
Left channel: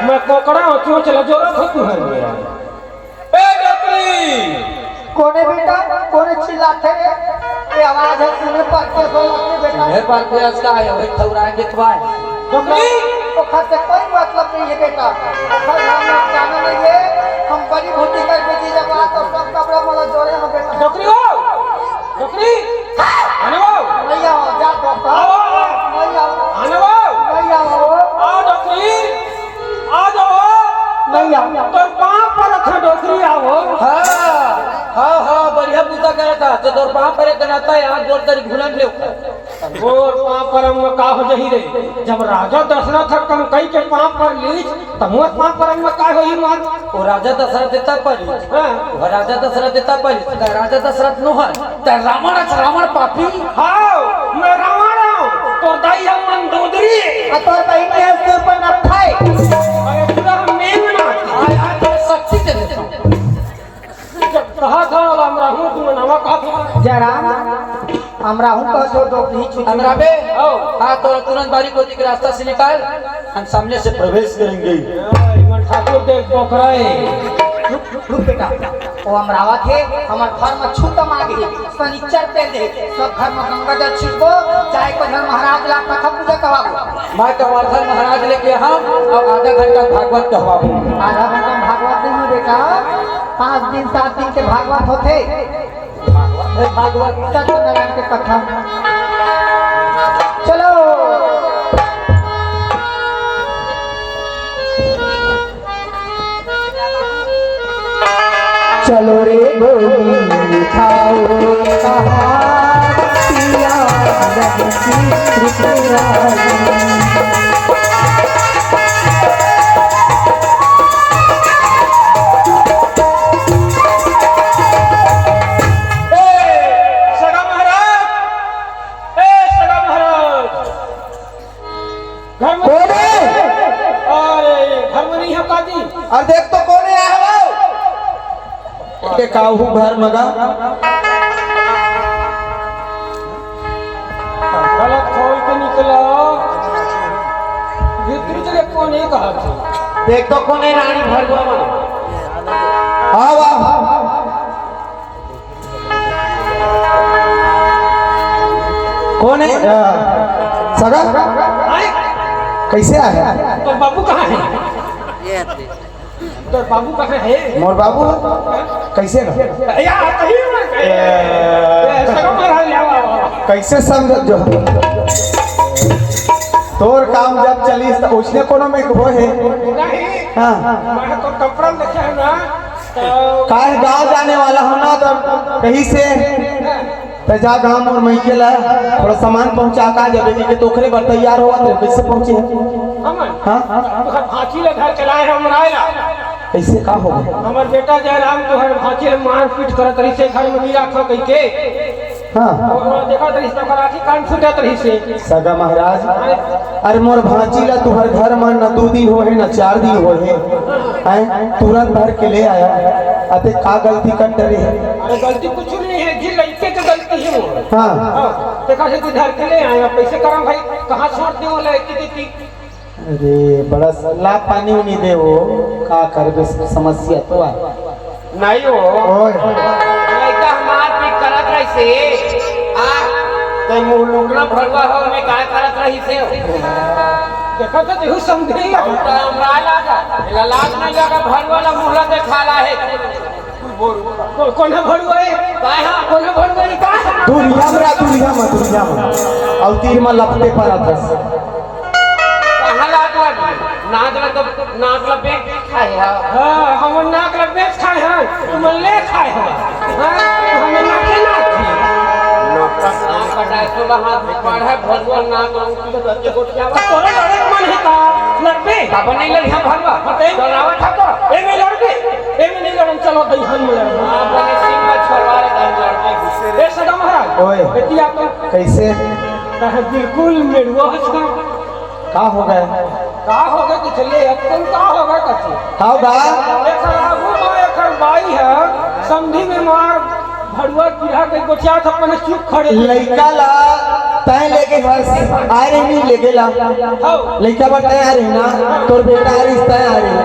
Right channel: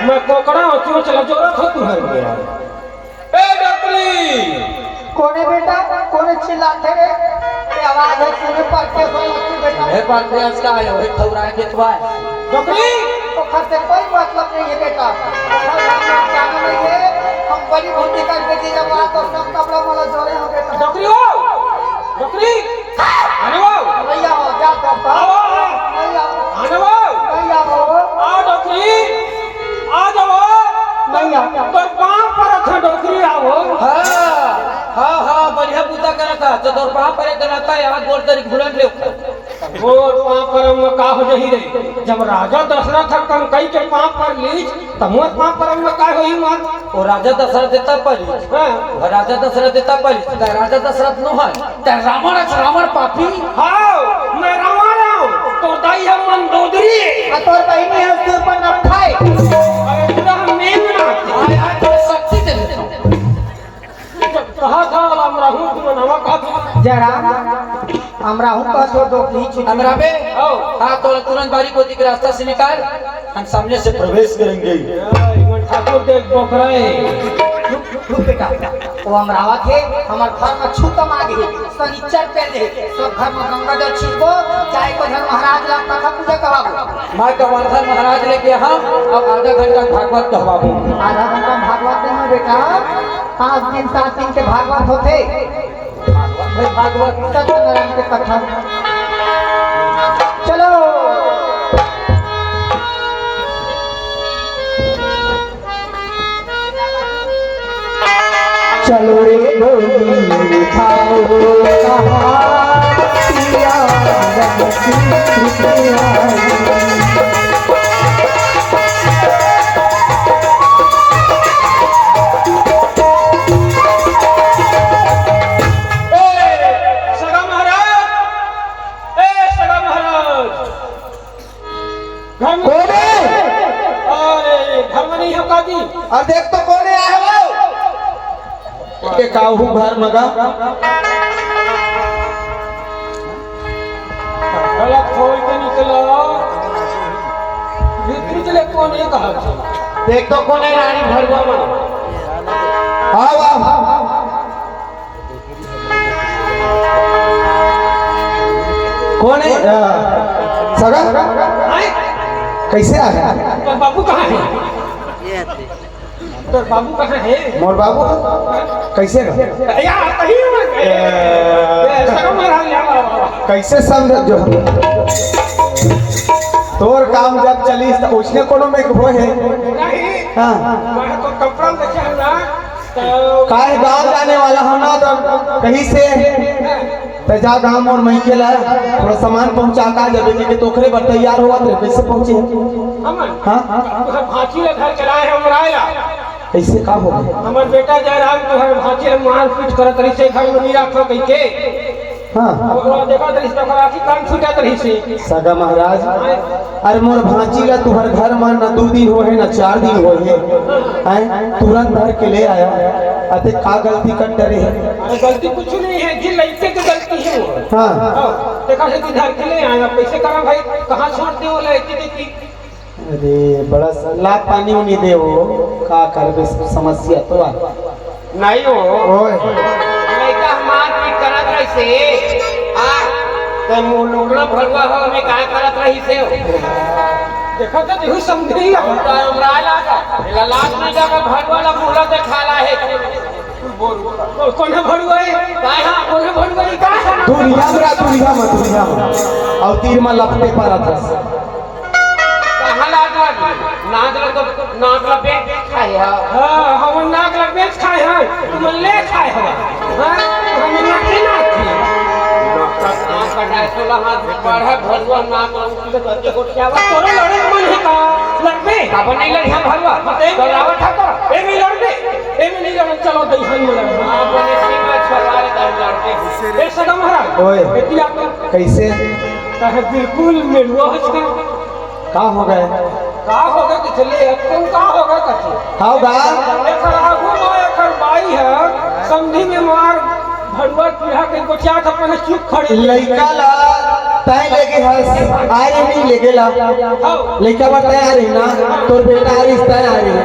मैं कोकड़ा क्यों चला जोरा था तू है यार ए डॉक्टरी कोने बेटा कोने चिल्लाते रे ये आवाज है सुने पर के सो बेटा हे बात प्रयास का है भाई खौरा देखवा डोकरी ओखर से कोई मतलब नहीं है बेटा ओखर हम जाने नहीं है हम बड़ी भूति कर बेटी जब आ तो सब कपड़ा मोला जोड़े हो बेटा डोकरी आओ डोकरी आने आओ नहीं आओ जा तो नहीं आओ आने आओ नहीं आओ आओ डोकरी आ जाओ नहीं आओ तो कहां पर थे डोकरी आओ हाँ बढ़िया पूजा करा था तो तोर पाँव करे करता है आज बोल तरी घुलन ले मोर पाँव पर में का हो जही रे जब राजा दशरथ कम कई के पाँव पर लीच त मोर पाँव पर में का होई मार वो राजा दशरथ देता पड़ी वो राजा दशरथ देता पड़ी तो राजा दशरथ नो है तो रावण पापी हां मैं रावण हूं तो दाई हम मंदोदरी तो कहीं है सिर पर न खाए अरे पूरा हम नहीं बनाते शक्ति दे कहा था राम रहू तू नवा कहा था जरा हमरा हूं का तो दो ही छुट्टी हमरा बे हाँ तो तुरंत बारी कोती के रास्ता से निकाल हम सामने से प्रवेश करेंगे इमन ठाकुर देख बकराए बेटा वो अमरावा थे हमार घर में छूतम आ गई शनिचर पे दे सब घर में गंगा जल छिड़को चाहे को घर महाराज ला कथा पूजा करवाओ मैं कवर्धन महाराज लेके हम अब आधा घंटा भागवत कहवाबू आधा घंटा भागवत नहीं बेटा 5 दिन 7 दिन के भागवत होते भागवत सत्यनारायण के कथा चलो चलो रे डोली उठाओ पिया सगा महाराज घर में अरे घर में नहीं है काजी और देख तो कौन आया है वो के काहू घर लगा गलत खोल के निकला भीतरी चले कौन ये कहा था देख तो कौन है रानी भरवा हां वाह कौन है सगा कैसे आया तो बाबू कहाँ है तो बाबू कहाँ है मोर बाबू कैसे ना यार कहीं सगा महाराज यार कैसे समझ जो तोर काम जब चली तो उसने कोनो में वो है नहीं हां मैं तो कपड़ा देखा ना तो काहे गांव जाने वाला हम ना तो कहीं से तो जा गांव और मई के ला थोड़ा सामान पहुंचा का जब के तोखरे पर तैयार हुआ तो कैसे पहुंचे अमन हां तुहर भांची ले घर चलाए है उमरायला कैसे का हो गया हमर बेटा जयराम तुहर भांची ले मार पीट करत रही से घर में नहीं रखो कह के हां और देखो रही से कराची काम छूटत रही से सगा महाराज अरे मोर भांची ला तुहर घर मान न 2 दिन होए न 4 दिन होए हैं तुरंत भर के ले आया अते का गलती कर डरे अरे गलती कुछ नहीं है जी लड़के की गलती है वो हां देखा से किधर के ले आया पैसे करम भाई कहां छोड़ दे वाला इतनी अरे बड़ा सलाह पानी नहीं दे वो का करबे समस्या तो आ नहीं हो ओए लड़का मार पीट करत रही से आ तै मुंह लुगड़ा भरवा हो में का करत रही से देखो तो यही समझी उल्टा हमरा लागा लाज नहीं लगा भरवाला मुहला देखाला है कौन है भड़ुआ काहे कौन है भड़ुआ का दुनिया में और तीर में लपटे पर था कहां लाग लगी नाक लगे खाई है हां हम नाक लग बेच खाए हैं तुम ले खाए हो हम नाक ना खाए पढ़े भरवा नाक लगे को क्या बात तोरे लड़े मन है का लड़बे तब नहीं लड़ी भरवा तो लावा था तो ए में लड़बे ए में नहीं लड़न चलो दईहन में लड़बे अपने सीमा छलवा ले लड़के ए सदा महाराज ओए। बेटी आप कैसे कहे बिल्कुल मेरुआ हंसना का हो गए का होगा कि चलिए तुम का होगा कथी का होगा एक आगू में एक बाई है समधी में मार भड़ुआ पीढ़ा के गोटिया था अपने चुप खड़े लड़का ला तय लेके हंस आई नहीं लेके ला लड़का बताया रे ना तोर बेटा आ रिश्ता आ रही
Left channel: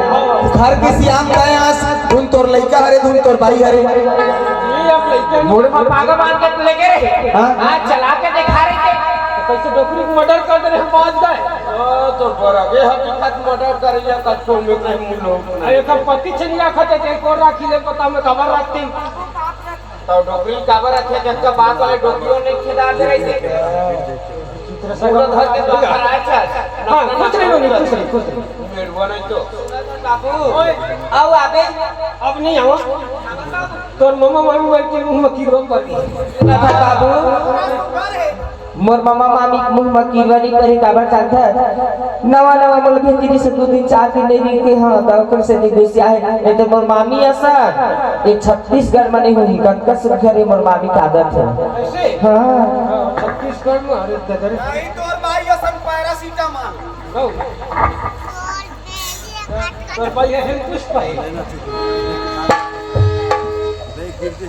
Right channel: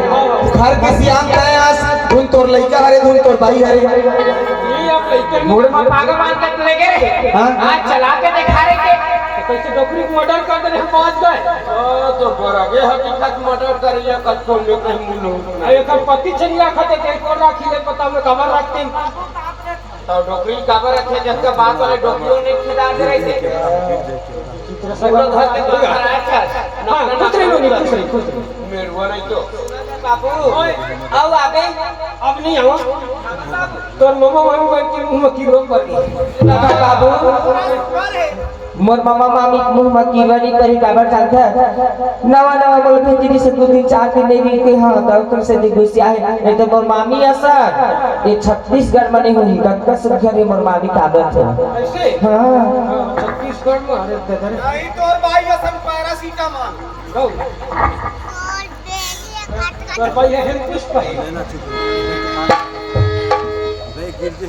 घर की सियाम तय हंस धुन तोर लड़का हरे धुन तोर भाई हरे ये अब मूड में पागा बांध के तू लेके रे हां चला के दिखा रे के कैसे डोकरी को मर्डर कर दे हम पहुंच गए तो बराबर हकीकत मर्डर करिया कत को में कहीं लोग एकर पति छनी रखते ते को राखी ले पता में खबर रखती तो डोकरी काबर रखे जब बात वाले डोकरियों ने खिदा दे रहे थे पूरा घर के तो कराया चल हां कुछ नहीं कुछ नहीं मेरवा नहीं तो बाबू आओ आबे अब नहीं आओ तोर मम्मा मामी बैठ के मुंह में की रोक कर दी बाबू मोर मामा मामी मुंह में कीवरी करी काबर चाहता है नवा नवा बोल भेजी से 2 दिन 4 दिन नहीं भी के हां डॉक्टर से निगोसिया है नहीं तो मोर मामी असर ये छत्तीसगढ़ में नहीं हुई कतका सुखरी मोर मामी कागज है ऐसे हां छत्तीसगढ़ में अरे दे नहीं तो भाई असन पैरासीटामोल गो तो भाई है किस पे लेना चुप नहीं गिर ही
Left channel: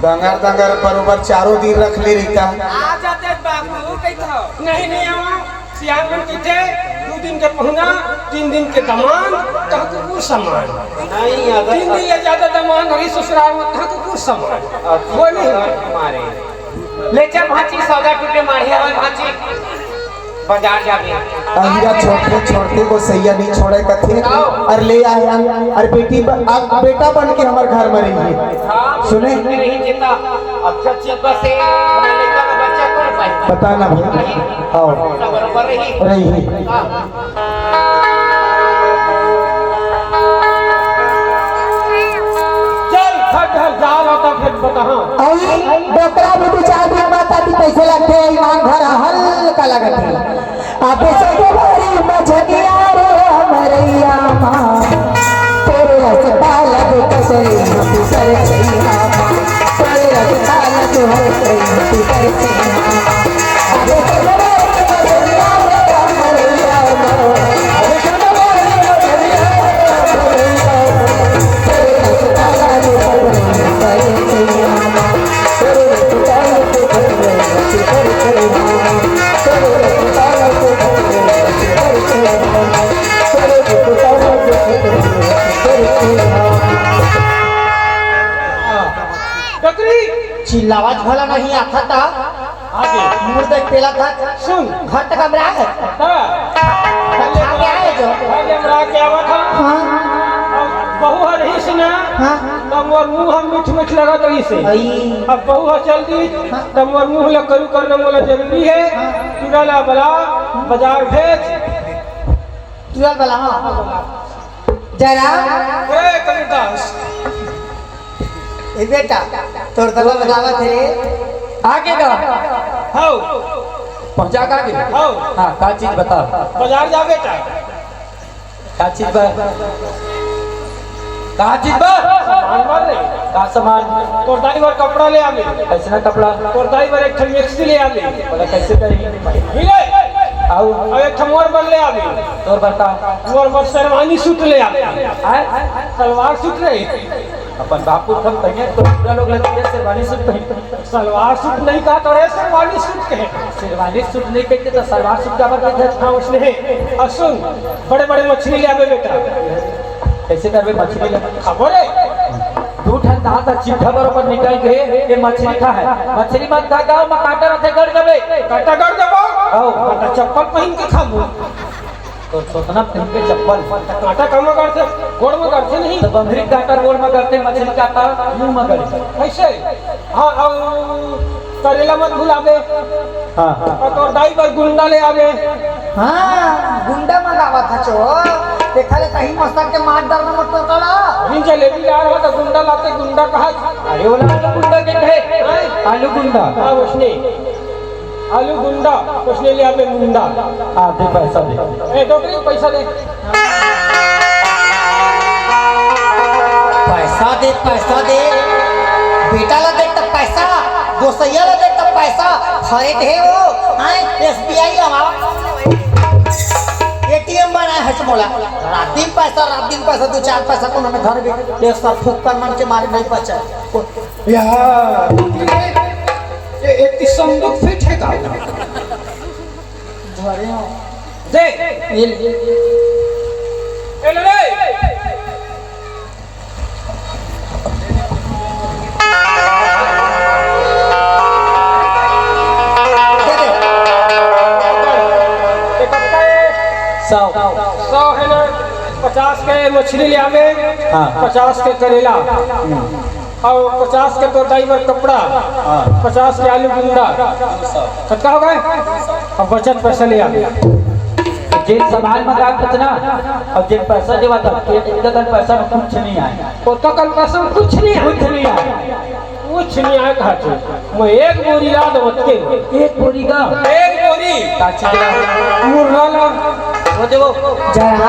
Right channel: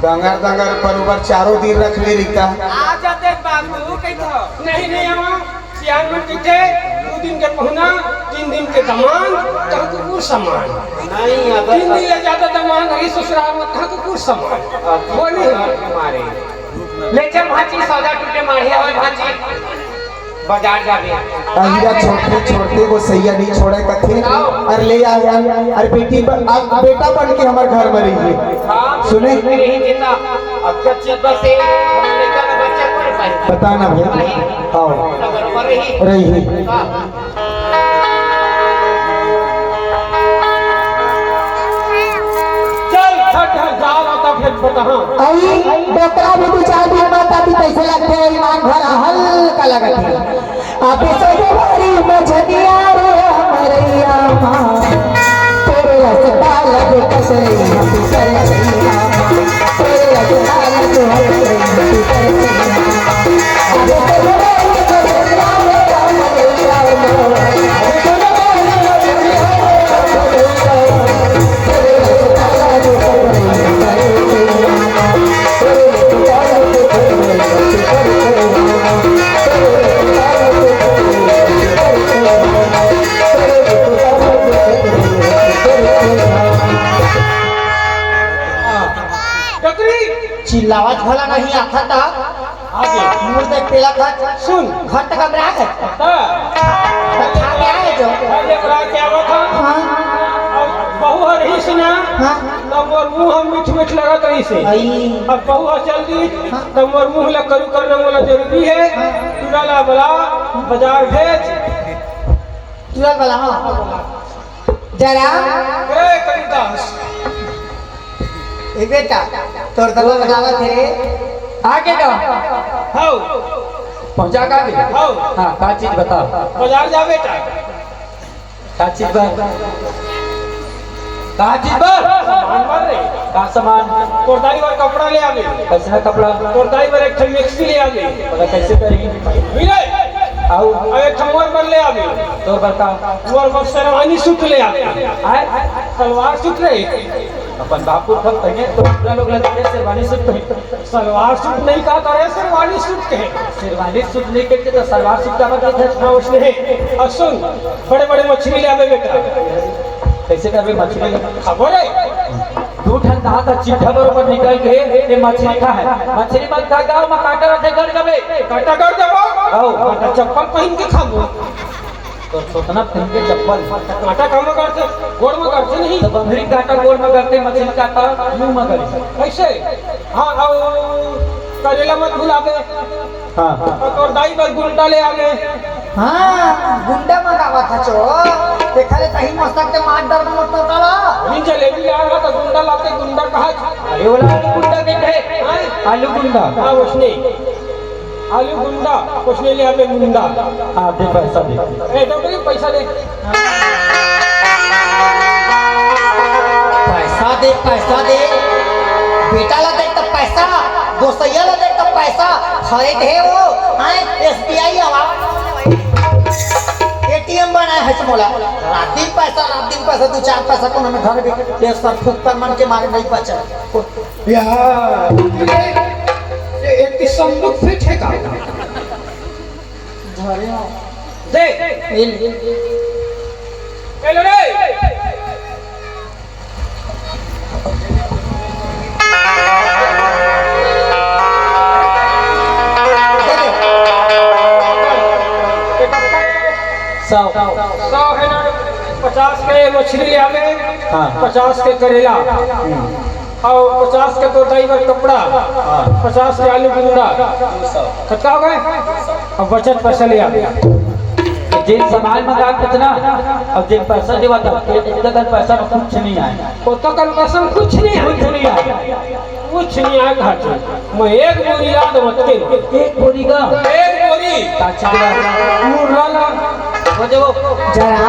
दंगर दंगर बरोबर चारों दिन रख ले रही आ जाते बाबू कहता नहीं आवा सियार में कहते 2 दिन के पहुना 3 दिन के दमान तब को कुछ सामान नहीं अगर 3 दिन ले ज्यादा दमान रही ससुराल में तब को कुछ सामान वो नहीं मारे ले चल भाची सौदा टूटे माहिया में भाची बाजार जाबे अहिरा छोटे छोटे को सैया नहीं छोड़े कथे और ले आया और आप बेटा बन के हमारे घर में रहिए सुने नहीं देता अच्छा चीज से हमारे लेकर बच्चे कोई पाई पता ना भाई हाँ अगर पर रही रहिए चल हट हट जा रहा फिर बता हां बेटा भी 4 दिन बाद आती पैसे लगते हैं ईमान घर हल्का लगता है आप सब बड़ी मझनिया रे हमरिया तेरे रसता लगे कसरी मत करैया तेरे रसता लगे हर कहीं मत करैया आप सब बड़ी मझनिया रे हमरिया आप सब बड़ी मझनिया रे हमरिया तेरे रसता लगे हर कहीं मत चिल्लावत भला नहीं आता था आगे मुंह देख पेला था सुन घर तक अब रहा है आगे आए जो पहले बड़ा क्या था हाँ बहु रही सी ना हाँ तब मोर मुंह हम मीठ मीठ लगत रही से आई अब बहु चल दी तब मोर मुंह लग करू करने वाला जरूरी है तुरला बला बाजार भेज तुरंत वाला हाँ जरा ए कविदास ए बेटा तोर दबा बजावा थे आगे का हाउ पहुंचा का भी हाउ हाँ का चीज बता बाजार जा बेटा का चीज बा का चीज बा सामान भर रे का सामान तोर दाई बार कपड़ा ले आवे कैसा कपड़ा तोर दाई बार एक ठन मिक्सी ले आवे बड़ा कैसे करेगी मिले आओ अब एक ठन मोर बन ले आवे तो बता मोर शेरवानी सूट ले आवे आए सलवार सूट ले अपन बापू पर पहने तो पूरा लोग लगते हैं शेरवानी सूट पहनते सलवार सूट नहीं कहा करे शेरवानी सूट कहे शेरवानी सूट नहीं कहते तो सलवार सूट का मतलब है हाँ उसने है अब सुन बड़े बड़े मछली ले आवे बेटा कैसे करबे मछली लगा खबर है 2 ठन दांत चिट्ठा पर निकल के ये मछली खा है मछली मत खा गांव में काटा रहते घर जबे काटा कर दबो आओ काटा चप्पल पहन के खाबो तो सोतना पहन के चप्पल काटा कम करते गोड़ में करते नहीं तो बंगरी काटा गोल में करते मछली काटा मुंह में करे ऐसे हाँ और करेला मत भुलावे हां और दाई बार गुंडा ले आवे हाँ गुंडा मंगावा था चो देखा ले कहीं मस्तक के मार दर्द मत करा अभी जलेबी ला रहा था गुंडा लाते गुंडा कहा अरे वाला आलू गुंडा के है आलू गुंडा हाँ उसने आलू गुंडा उसने ले आवे गुंडा हां दे पैसा दे ए डोकरी पैसा दे पैसा दे बेटा ला दे तो पैसा गोसैया ला दे तो पैसा खरीद है वो हां एसबीआई लगा एटीएम बनाए है मोला रात दिन पैसा 2-4 पैसा को हमें घर भी एक साथ फूक कर मन के मारे नहीं बचा यार ये एक संदूक फिट है का दे ए ले 100 100 है ना 50 के मछली ले आवे, हाँ। 50 के करेला और 50 के तो ड्राइवर कपड़ा, 50 के आलू गुंडा, कितना हो गए? और बचत पैसा ले आवे। जे सामान मंगा कितना अब जे पैसा देवा तब के पैसा में कुछ नहीं आए, तो कल पैसा में कुछ नहीं है, कुछ नहीं आए। कुछ नहीं आए घाटे। मैं एक बोरी याद रखते हो, एक बोरी का एक बोरी मुरला वो देखो जरा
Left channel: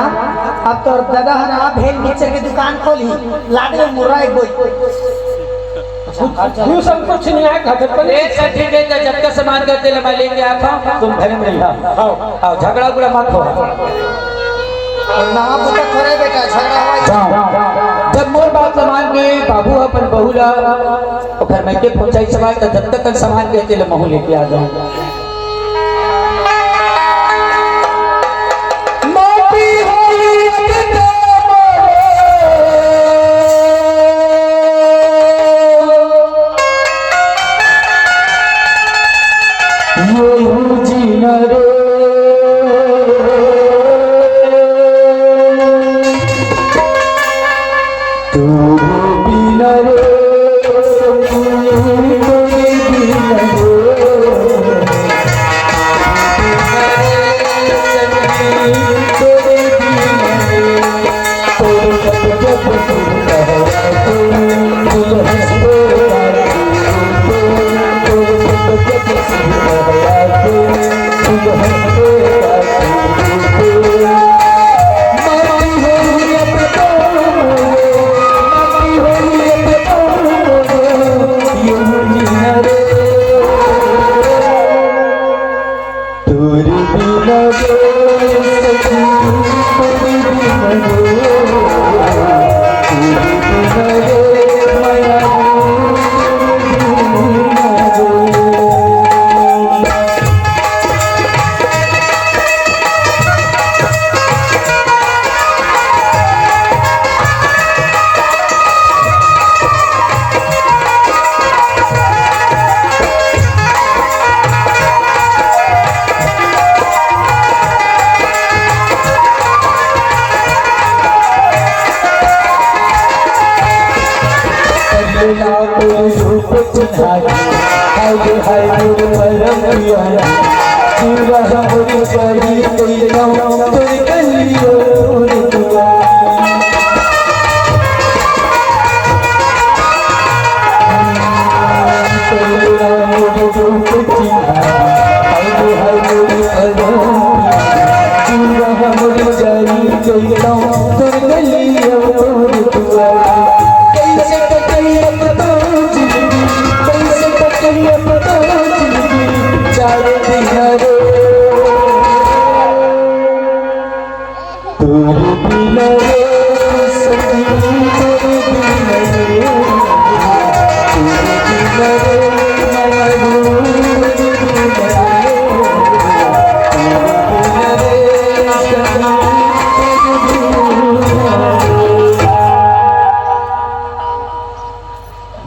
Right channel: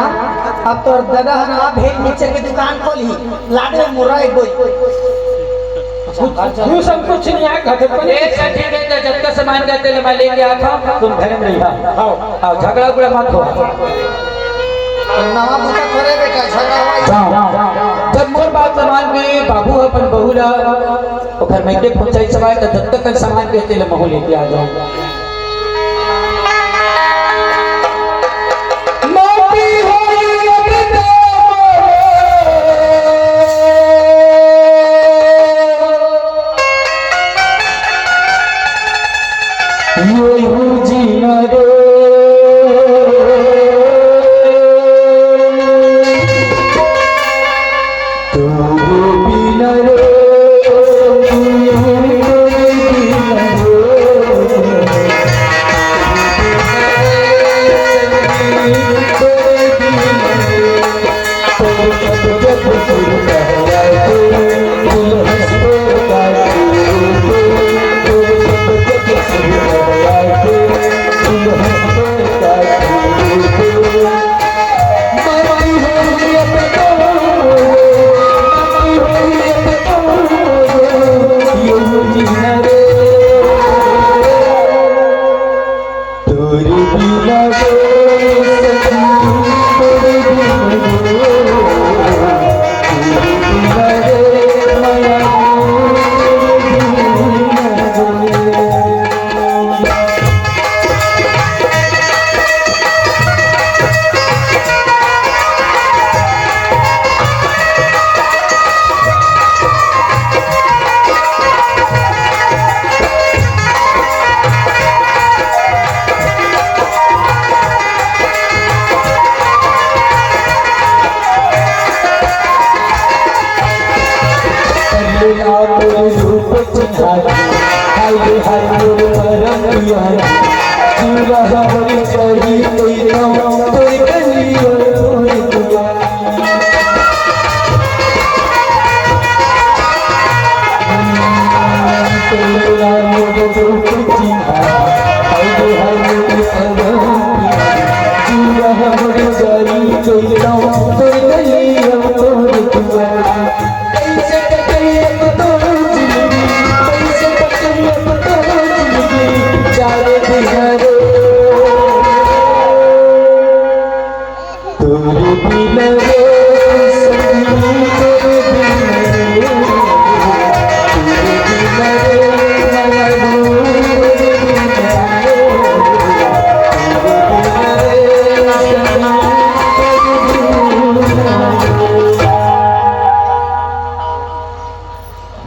अब तो दादा हरा भेल नीचे की दुकान खोली लाडे मुर्रा एक बोई तू सब कुछ नहीं आए घाटे पर। ठीक है तो जब तक सामान कहते ले मैं लेके आता हूँ, तुम घर में रहिया आओ, झगड़ा उगड़ा मत हो। ना बुका थोड़े बेटा झगड़ा हुआ जब मोर बात सामान के बाबू अपन बहू ला घर में के पहुंचाई सवाल तो जब तक सामान कहते ले महू लेके आ जाए।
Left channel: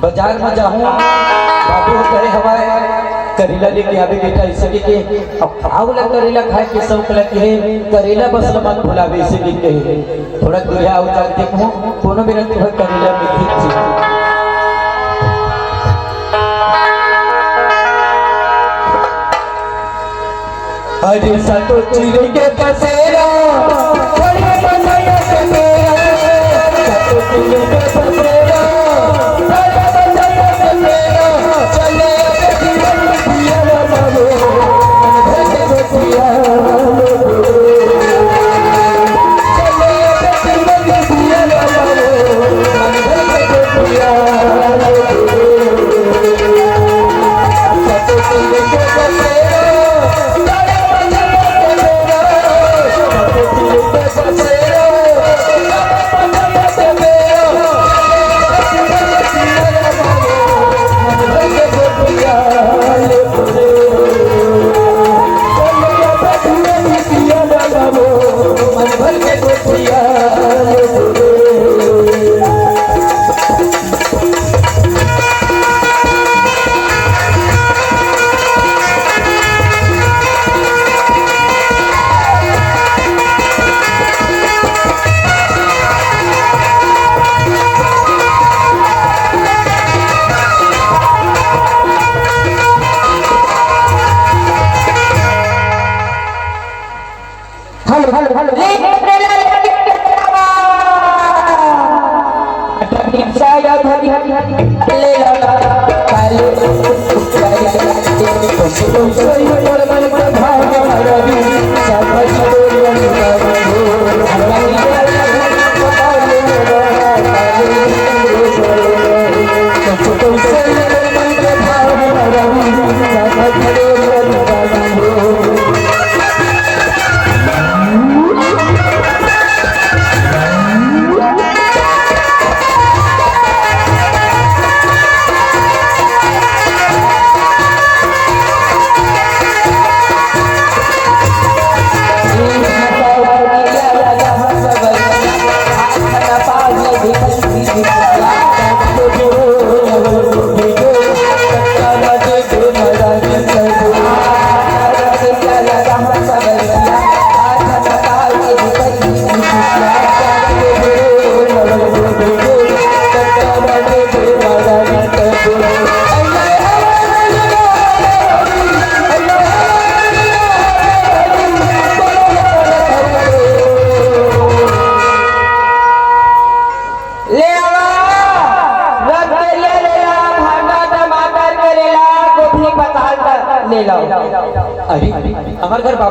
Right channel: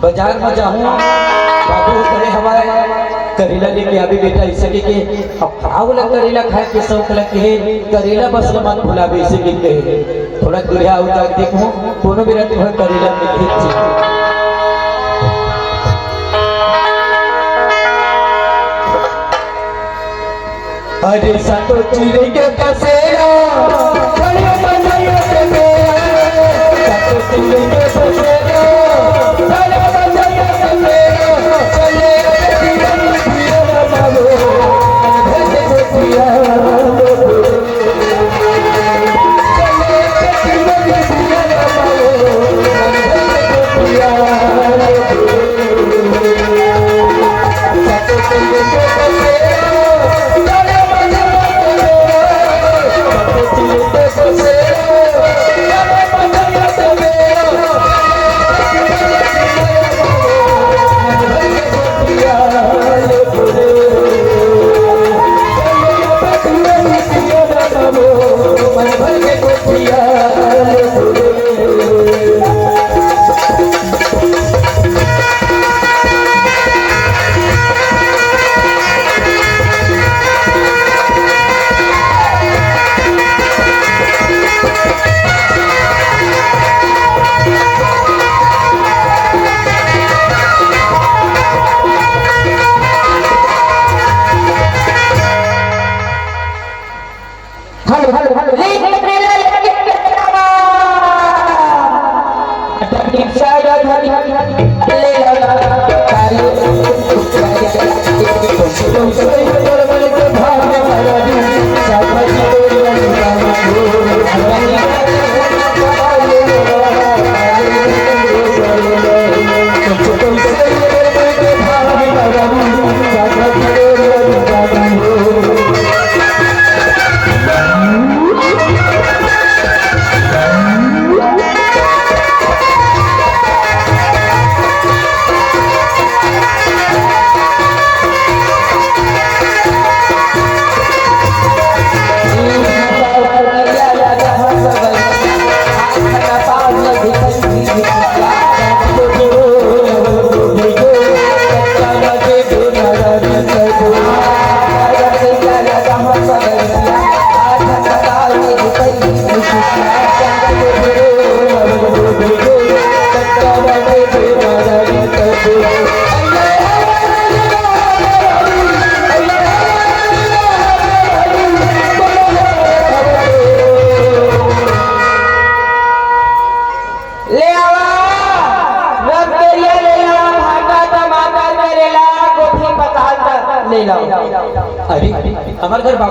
बाजार में जाऊँ बाबू करे हवाए करेला लेके आगे बेटा इसे के अब खराब लग करेला खाए के शौक लगे करेला बस मत भुलावे इसे के थोड़ा दूर आओ जाके देखो कोनो मेरा तो करेला में ठीक छी। अरे सतो चिरे के पसेरा बड़े बनाया के मेरा सतो चिरे के पसेरा बड़े बनाया के मेरा चले पिया बाबू ऐसे पिया चले पिया सतो चिरे के पसेरा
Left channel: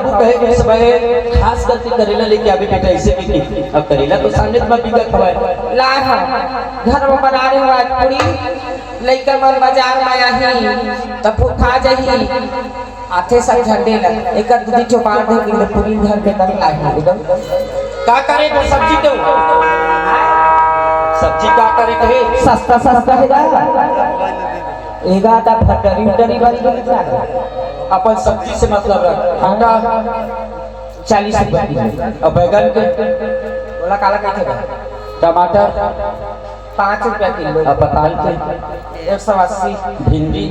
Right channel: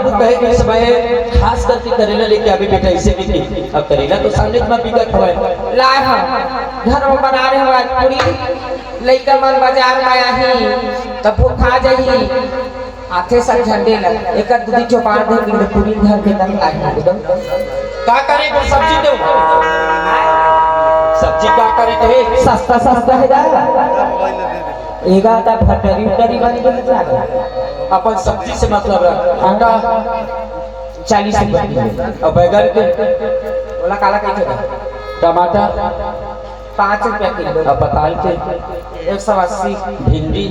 बाबू कहे कि समय खास करके करेला लेके आवे बेटा ऐसे कि अब करेला तो साले में बिगड़ हवे लाए हम घर में बना रहे हो आज पूरी लइका मन बाजार में आही तब भूखा जाही आथे सब झंडे ल एक दूधी चौपाड़ दे के पूरी घर के दम लाए हैं एकदम का करे फिर सब्जी तो सब्जी क्या करे कहे सस्ता सस्ता है जा एगा ता फटरी उटरी बन गई अपन सब्जी से मतलब रहा अंडा 40 रुपए किलो अब बैगन के बोला काला कैसे बा टमाटर 5 रुपया किलो अब बताल के 180 भिंडी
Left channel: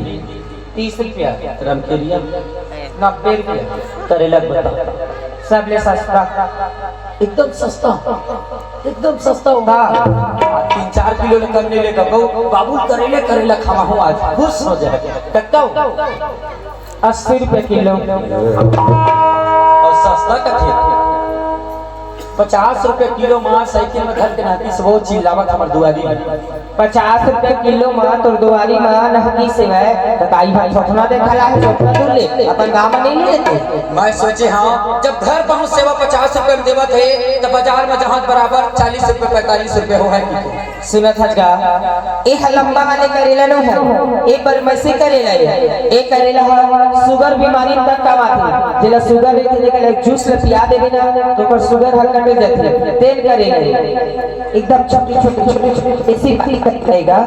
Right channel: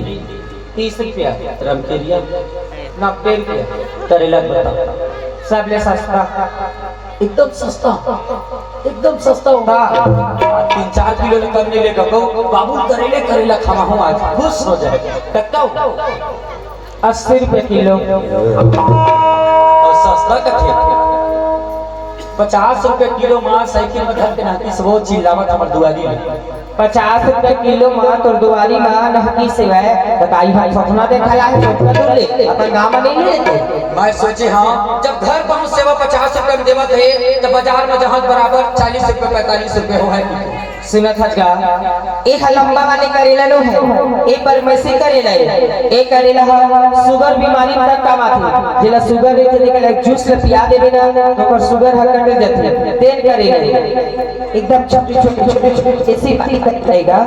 30 रुपया रमकेरिया 90 रुपया करेला बता सब ले सस्ता एकदम सस्ता होगा 3-4 किलो ले कम नहीं लेगा बाबू करेले करेला खाना हो आज खुश हो जाए कितना होगा 80 रुपए किलो और सस्ता कथे 50 रुपए किलो मां साइकिल में घर के नाती से वो चिल्लावत हमर दुआरी में 50 रुपए किलो मां तोर दुआरी मां नहकी से है तो काई भाई फटना देखला है फटना दूर ले अपन गांव में नहीं लेते मैं सोचे हाँ जब घर पहुंच सेवा 50 रुपए में देवत है तो बाजार में जहां बराबर 40 रुपए 45 रुपए हो है सुनत हजगा ए लंबा वाले करेला नो है ए परमेसी करेला है ए करेला है शुगर बीमारी तक का बात जेला शुगर रे के एक जूस ले पिया देबे ना तो ओकर शुगर हर मिल जाती तेल करेला एकदम छोटे ऐसी बात करेगा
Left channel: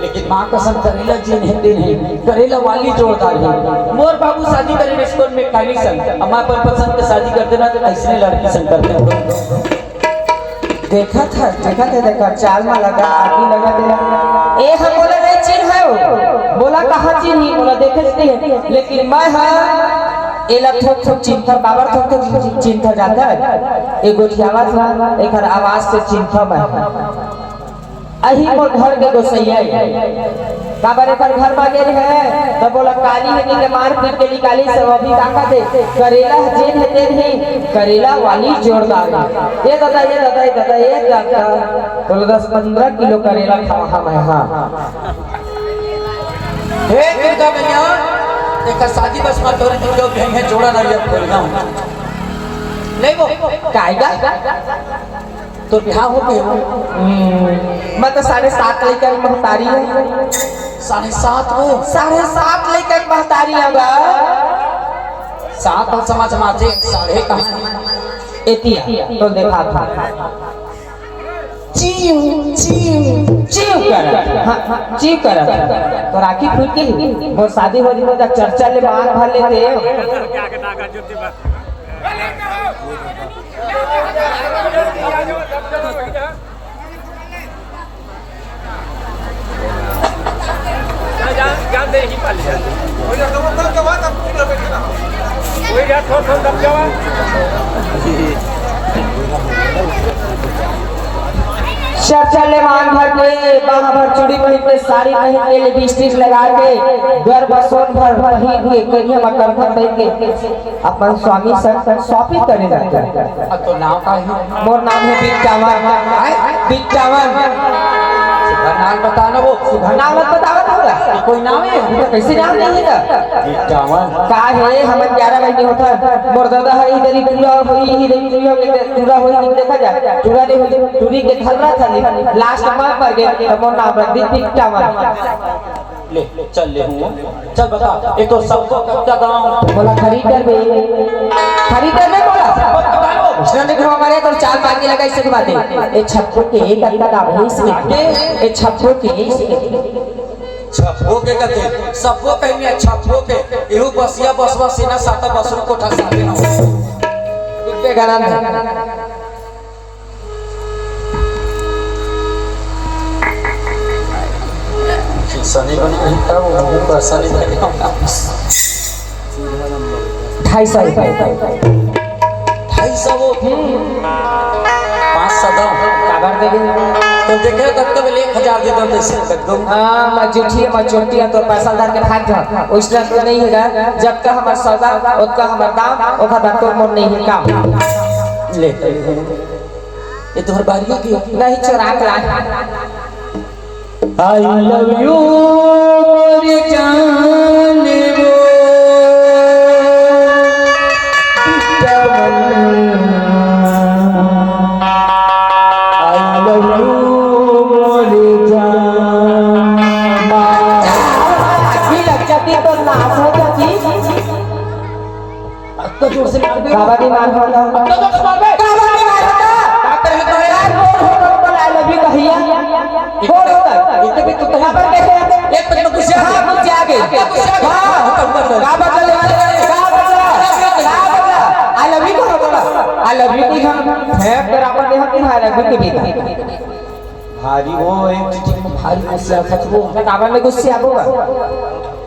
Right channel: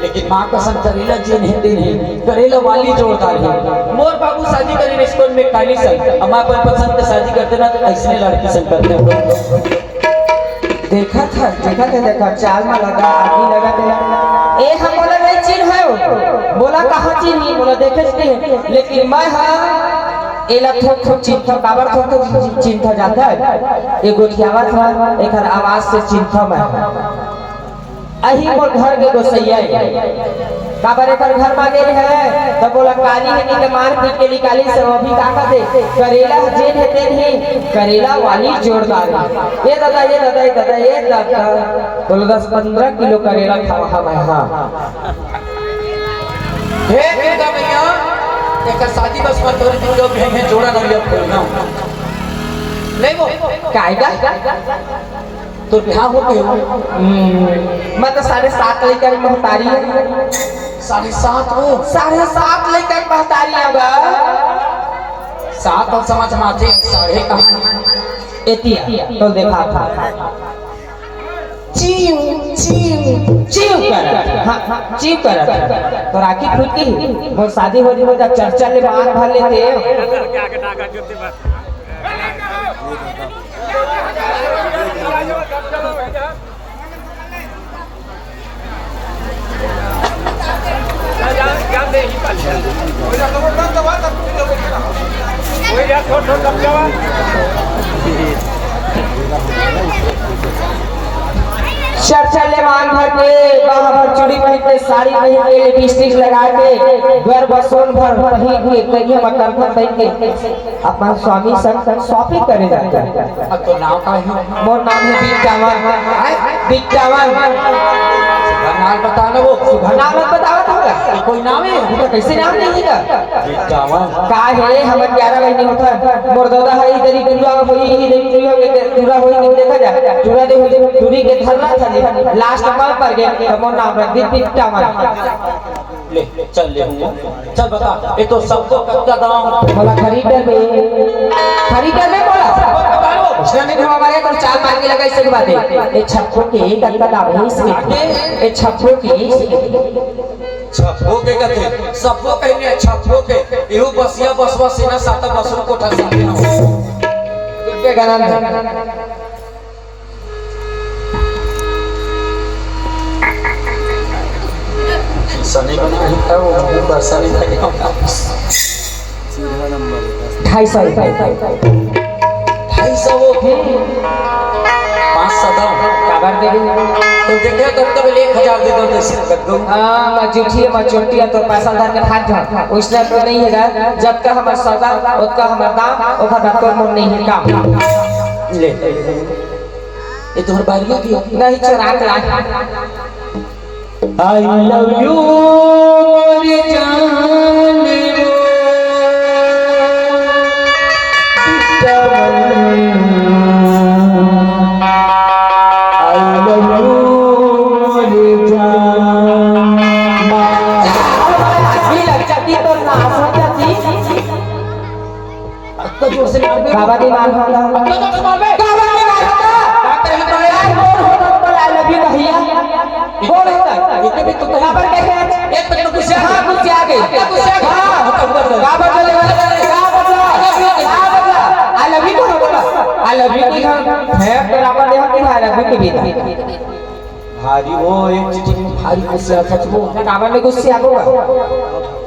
लेकिन माँ कसम करेला जी नहीं देने करेला वाली जोरदार है मोर बाबू शादी करी रेस्टोरेंट में काली संग अम्मा अपन पसंद के शादी करते ना तो ऐसे लड़की संग करते हैं देखा चाल में लगा आदमी लगा दे ए हम बोला नहीं चिन्ह है बोला कहाँ चिन्ह बोला देखे नहीं लेकिन मैं हाँ एला थोक चिन्ह काबर थोक चिन्ह जाता है ये गोठियावा था एक आवाज से चिन्ह मैं अही को घर के गोसैया काबर एक घर में गेल है तो बोला काली है कि मार पीट के निकाली सब अभी का दे करेला जेन है तेन ही करेला वाली जोरदार ये दादा तो 10-15 किलो करेला खा मैं हां हे दुर्गा मैया एक शादी बस मत तोरी दिन जो कहीं है जोड़ा नरिया खोलना नहीं वो कायदा तो बिहार हो गए मैं तो 7.5 लेकर महतारी है 7.5 वो 7.5 लेकर महतारी होगा 7 और समझ माते 6.5 कहां है एतिया तो देखा था चीव कर तो राखी फूटी वो शादी हो जी तो चर्चा ले बाहर भर लेते चर्चा ले मान भर के बाबा भर चूड़ी पहन के साड़ी पहन के लिपस्टिक लगा के घर बसोन भर ही हुए कहीं मकर भर के अपन स्वामी संग शॉपिंग करे जाते हैं अब तो नाम का है मोर नाम है बिट्टावन नाम बताना वो नाम बतावत होला कोई नाम है तो कैसे नाम नहीं है बिट्टावन का है हमर 11 महीने होता मोर दादा है इधर ही पूरा होई इधर ही पूरा होई देखा जा पूरा दे हो पूरी के धरना था लास्ट में पर गए तो मोर नाम रख दी बिट्टावन ले चल ले हुआ चल बता ये तो सबको कच्चा दाम बोला खरीदर में बोला उसने देखो हमारे तो 4 पानी लगा इससे बात है ये छप्पो के एक का दाम है इसके ये छप्पो के छप्पो के कहते सबको कहेंगे छप्पो के एहू बसिया बसवा सेना साता बसरू कोठा साथे हो पे गरम है सनी बनी कहीं था वो बरसानी था 250 रुपए 250 वो 5 सदा खबर देगे तो देखे तब तो 1000 दे दो जैसे कर दो हां मजूठी है तो पैसा धर के भाग जा उसने तो नहीं हैगा जब तक हमार सौदा उतना हमार दाम ओखा बात को मोर नहीं है काम ले ये तोहर बारिया की नहीं चुरा के I love you मोर जान रे काबाडी मार होता अपना तो कबाबे काबाडी मार होता का करे तो यार आई लव यू भैया कौन होता इतने भी तू यहाँ पर कैसे आते एक पे कुछ हाँ कुछ आगे I love you I love you की हम है बराबर में हम आई लव यू की भी भारी वो एक चीज में भारी गुस्सा सच वो काबर में गुस्से आबोगा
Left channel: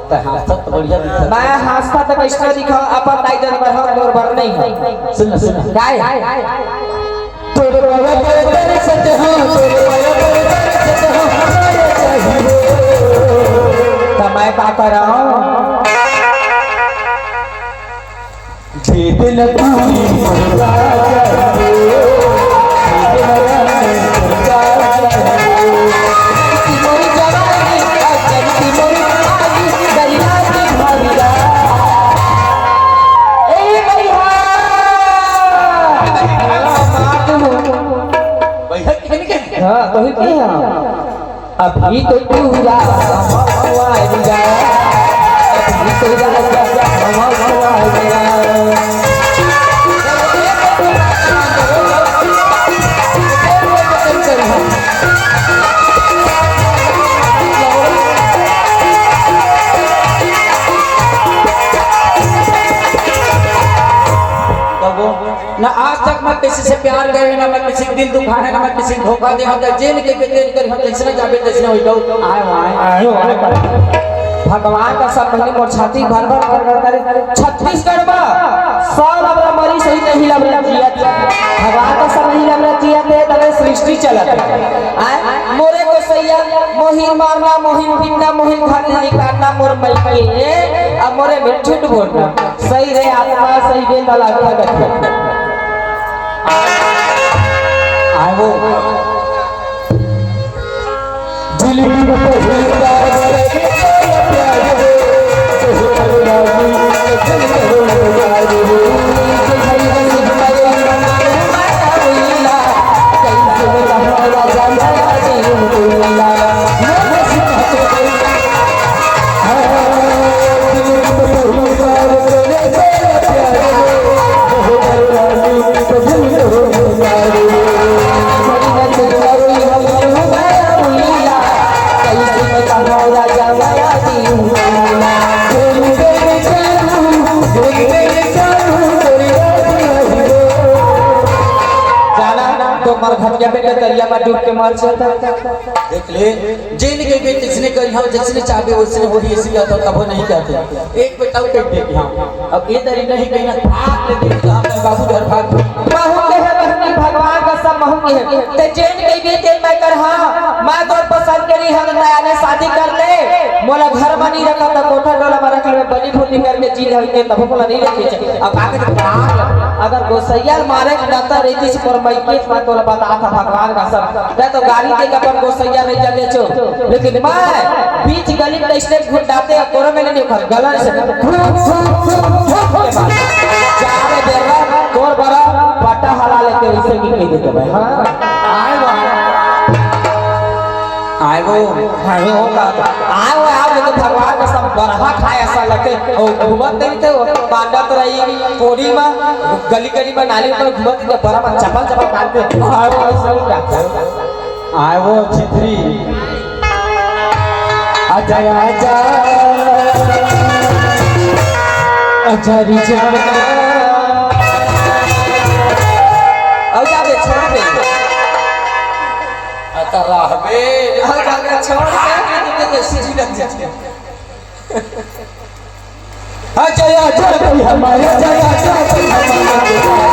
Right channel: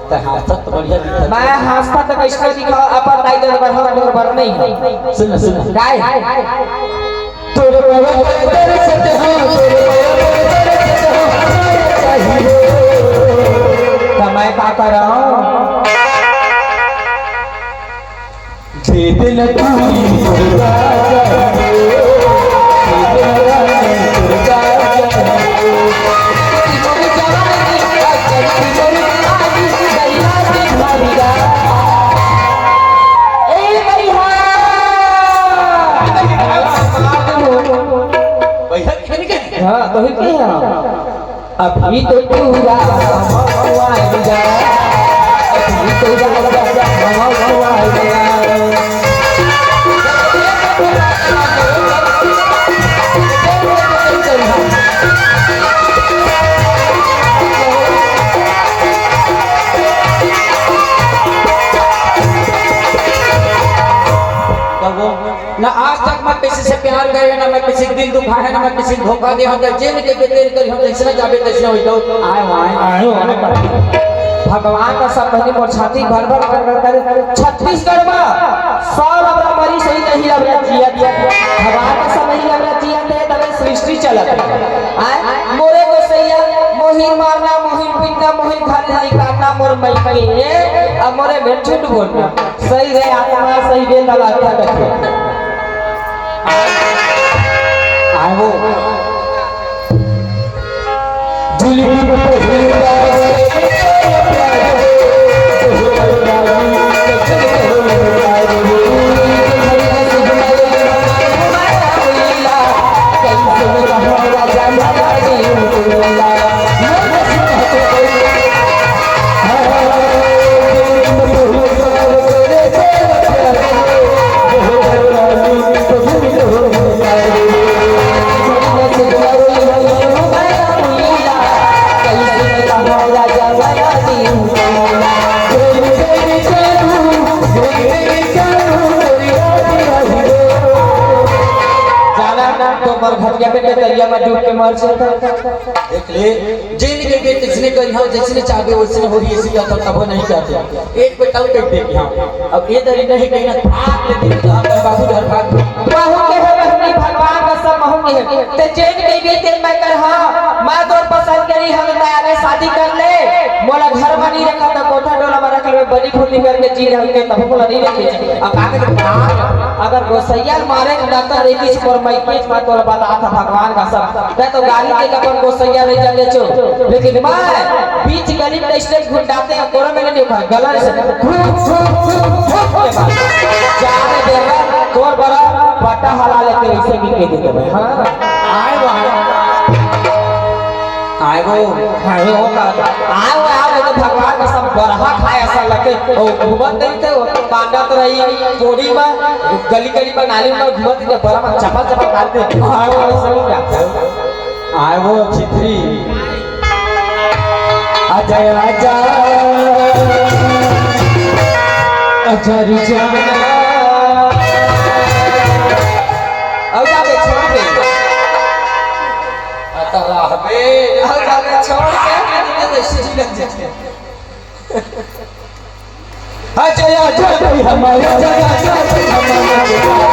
सब बढ़िया दिखा मैं हंसता तो कैसे दिखा अपन टाइटल पर हम और भर नहीं है सुन सुन गाय तोरे बाबा तेरे सच हो तोरे बाबा तेरे सच हो तो मैं क्या कर रहा हूँ दे दिल तू मुर्गा हाँ तो ही क्या अभी तो पूरा हुआ है जा अभी तो हुआ है ना आज तक मैं किसी से प्यार करे ना मैं किसी दिल दुखा है ना मैं किसी धोखा दे हम जेल के तेल कर हम जैसे जाबे तैसे हो जाओ आए भगवान का सब महीने मोर छाती भर भर कर छत्तीसगढ़ में सब अपना मरी सही नहीं लग रहा जिया भगवान का सब नहीं लग रहा जिया दे तने सृष्टि चलत आए मोरे को सैया मोहिन मारना मोहिन बिन्ना मोहिन खाली निकालना मोर मई अब मोरे में झूठ बोलना सही रे आत्मा सही दे दला क्या कहते आए वो देख ले जेल के बेटे जिसने करी हो जिसने चाहे उसने हो ही इसी का तब नहीं कहते एक बेटा कह दे कि हम अब ये दरी नहीं कहीं ना भाग ले दिन का हम बाबू घर भाग बाहु के है रहनी भगवान का सब महू के है ते जेल के बेटे मैं कर हां मैं तो पसंद करी हम नया ने शादी कर ले मोला घर में नहीं रखा तो कोठा डोला में रखल में बनी फूटी करके जी रहे के तब मोला नहीं रखे अब आगे अगर गोसैया मारे के नाता रहती से पर मैं केस में तोरा बता था भगवान का सब मैं तो गाड़ी के कपन गोसैया नहीं चले छो लेकिन मैं बीच गली में इसलिए घुटाते और कोरो में नहीं खा गला से जाने देगा तोर बड़ा पटा हरा लेके इसे भी कह देते भाई हां आए वो तो भगवान का सब बरहा खाए ऐसा लगे और घूमत नहीं थे बांधत रही कोड़ी में गली गली में नाली में घूमत थे बरहा चपल चपल खाते खाओ ऐसा ही जाते आए वो छित्री आजा आजा आजा री जा अब जाके छोड़ के अल्लाह बे अब जाके छोड़ के तो सीधी लग जाते आजा आजा कोई हमारा आजा आजा कोई हमारा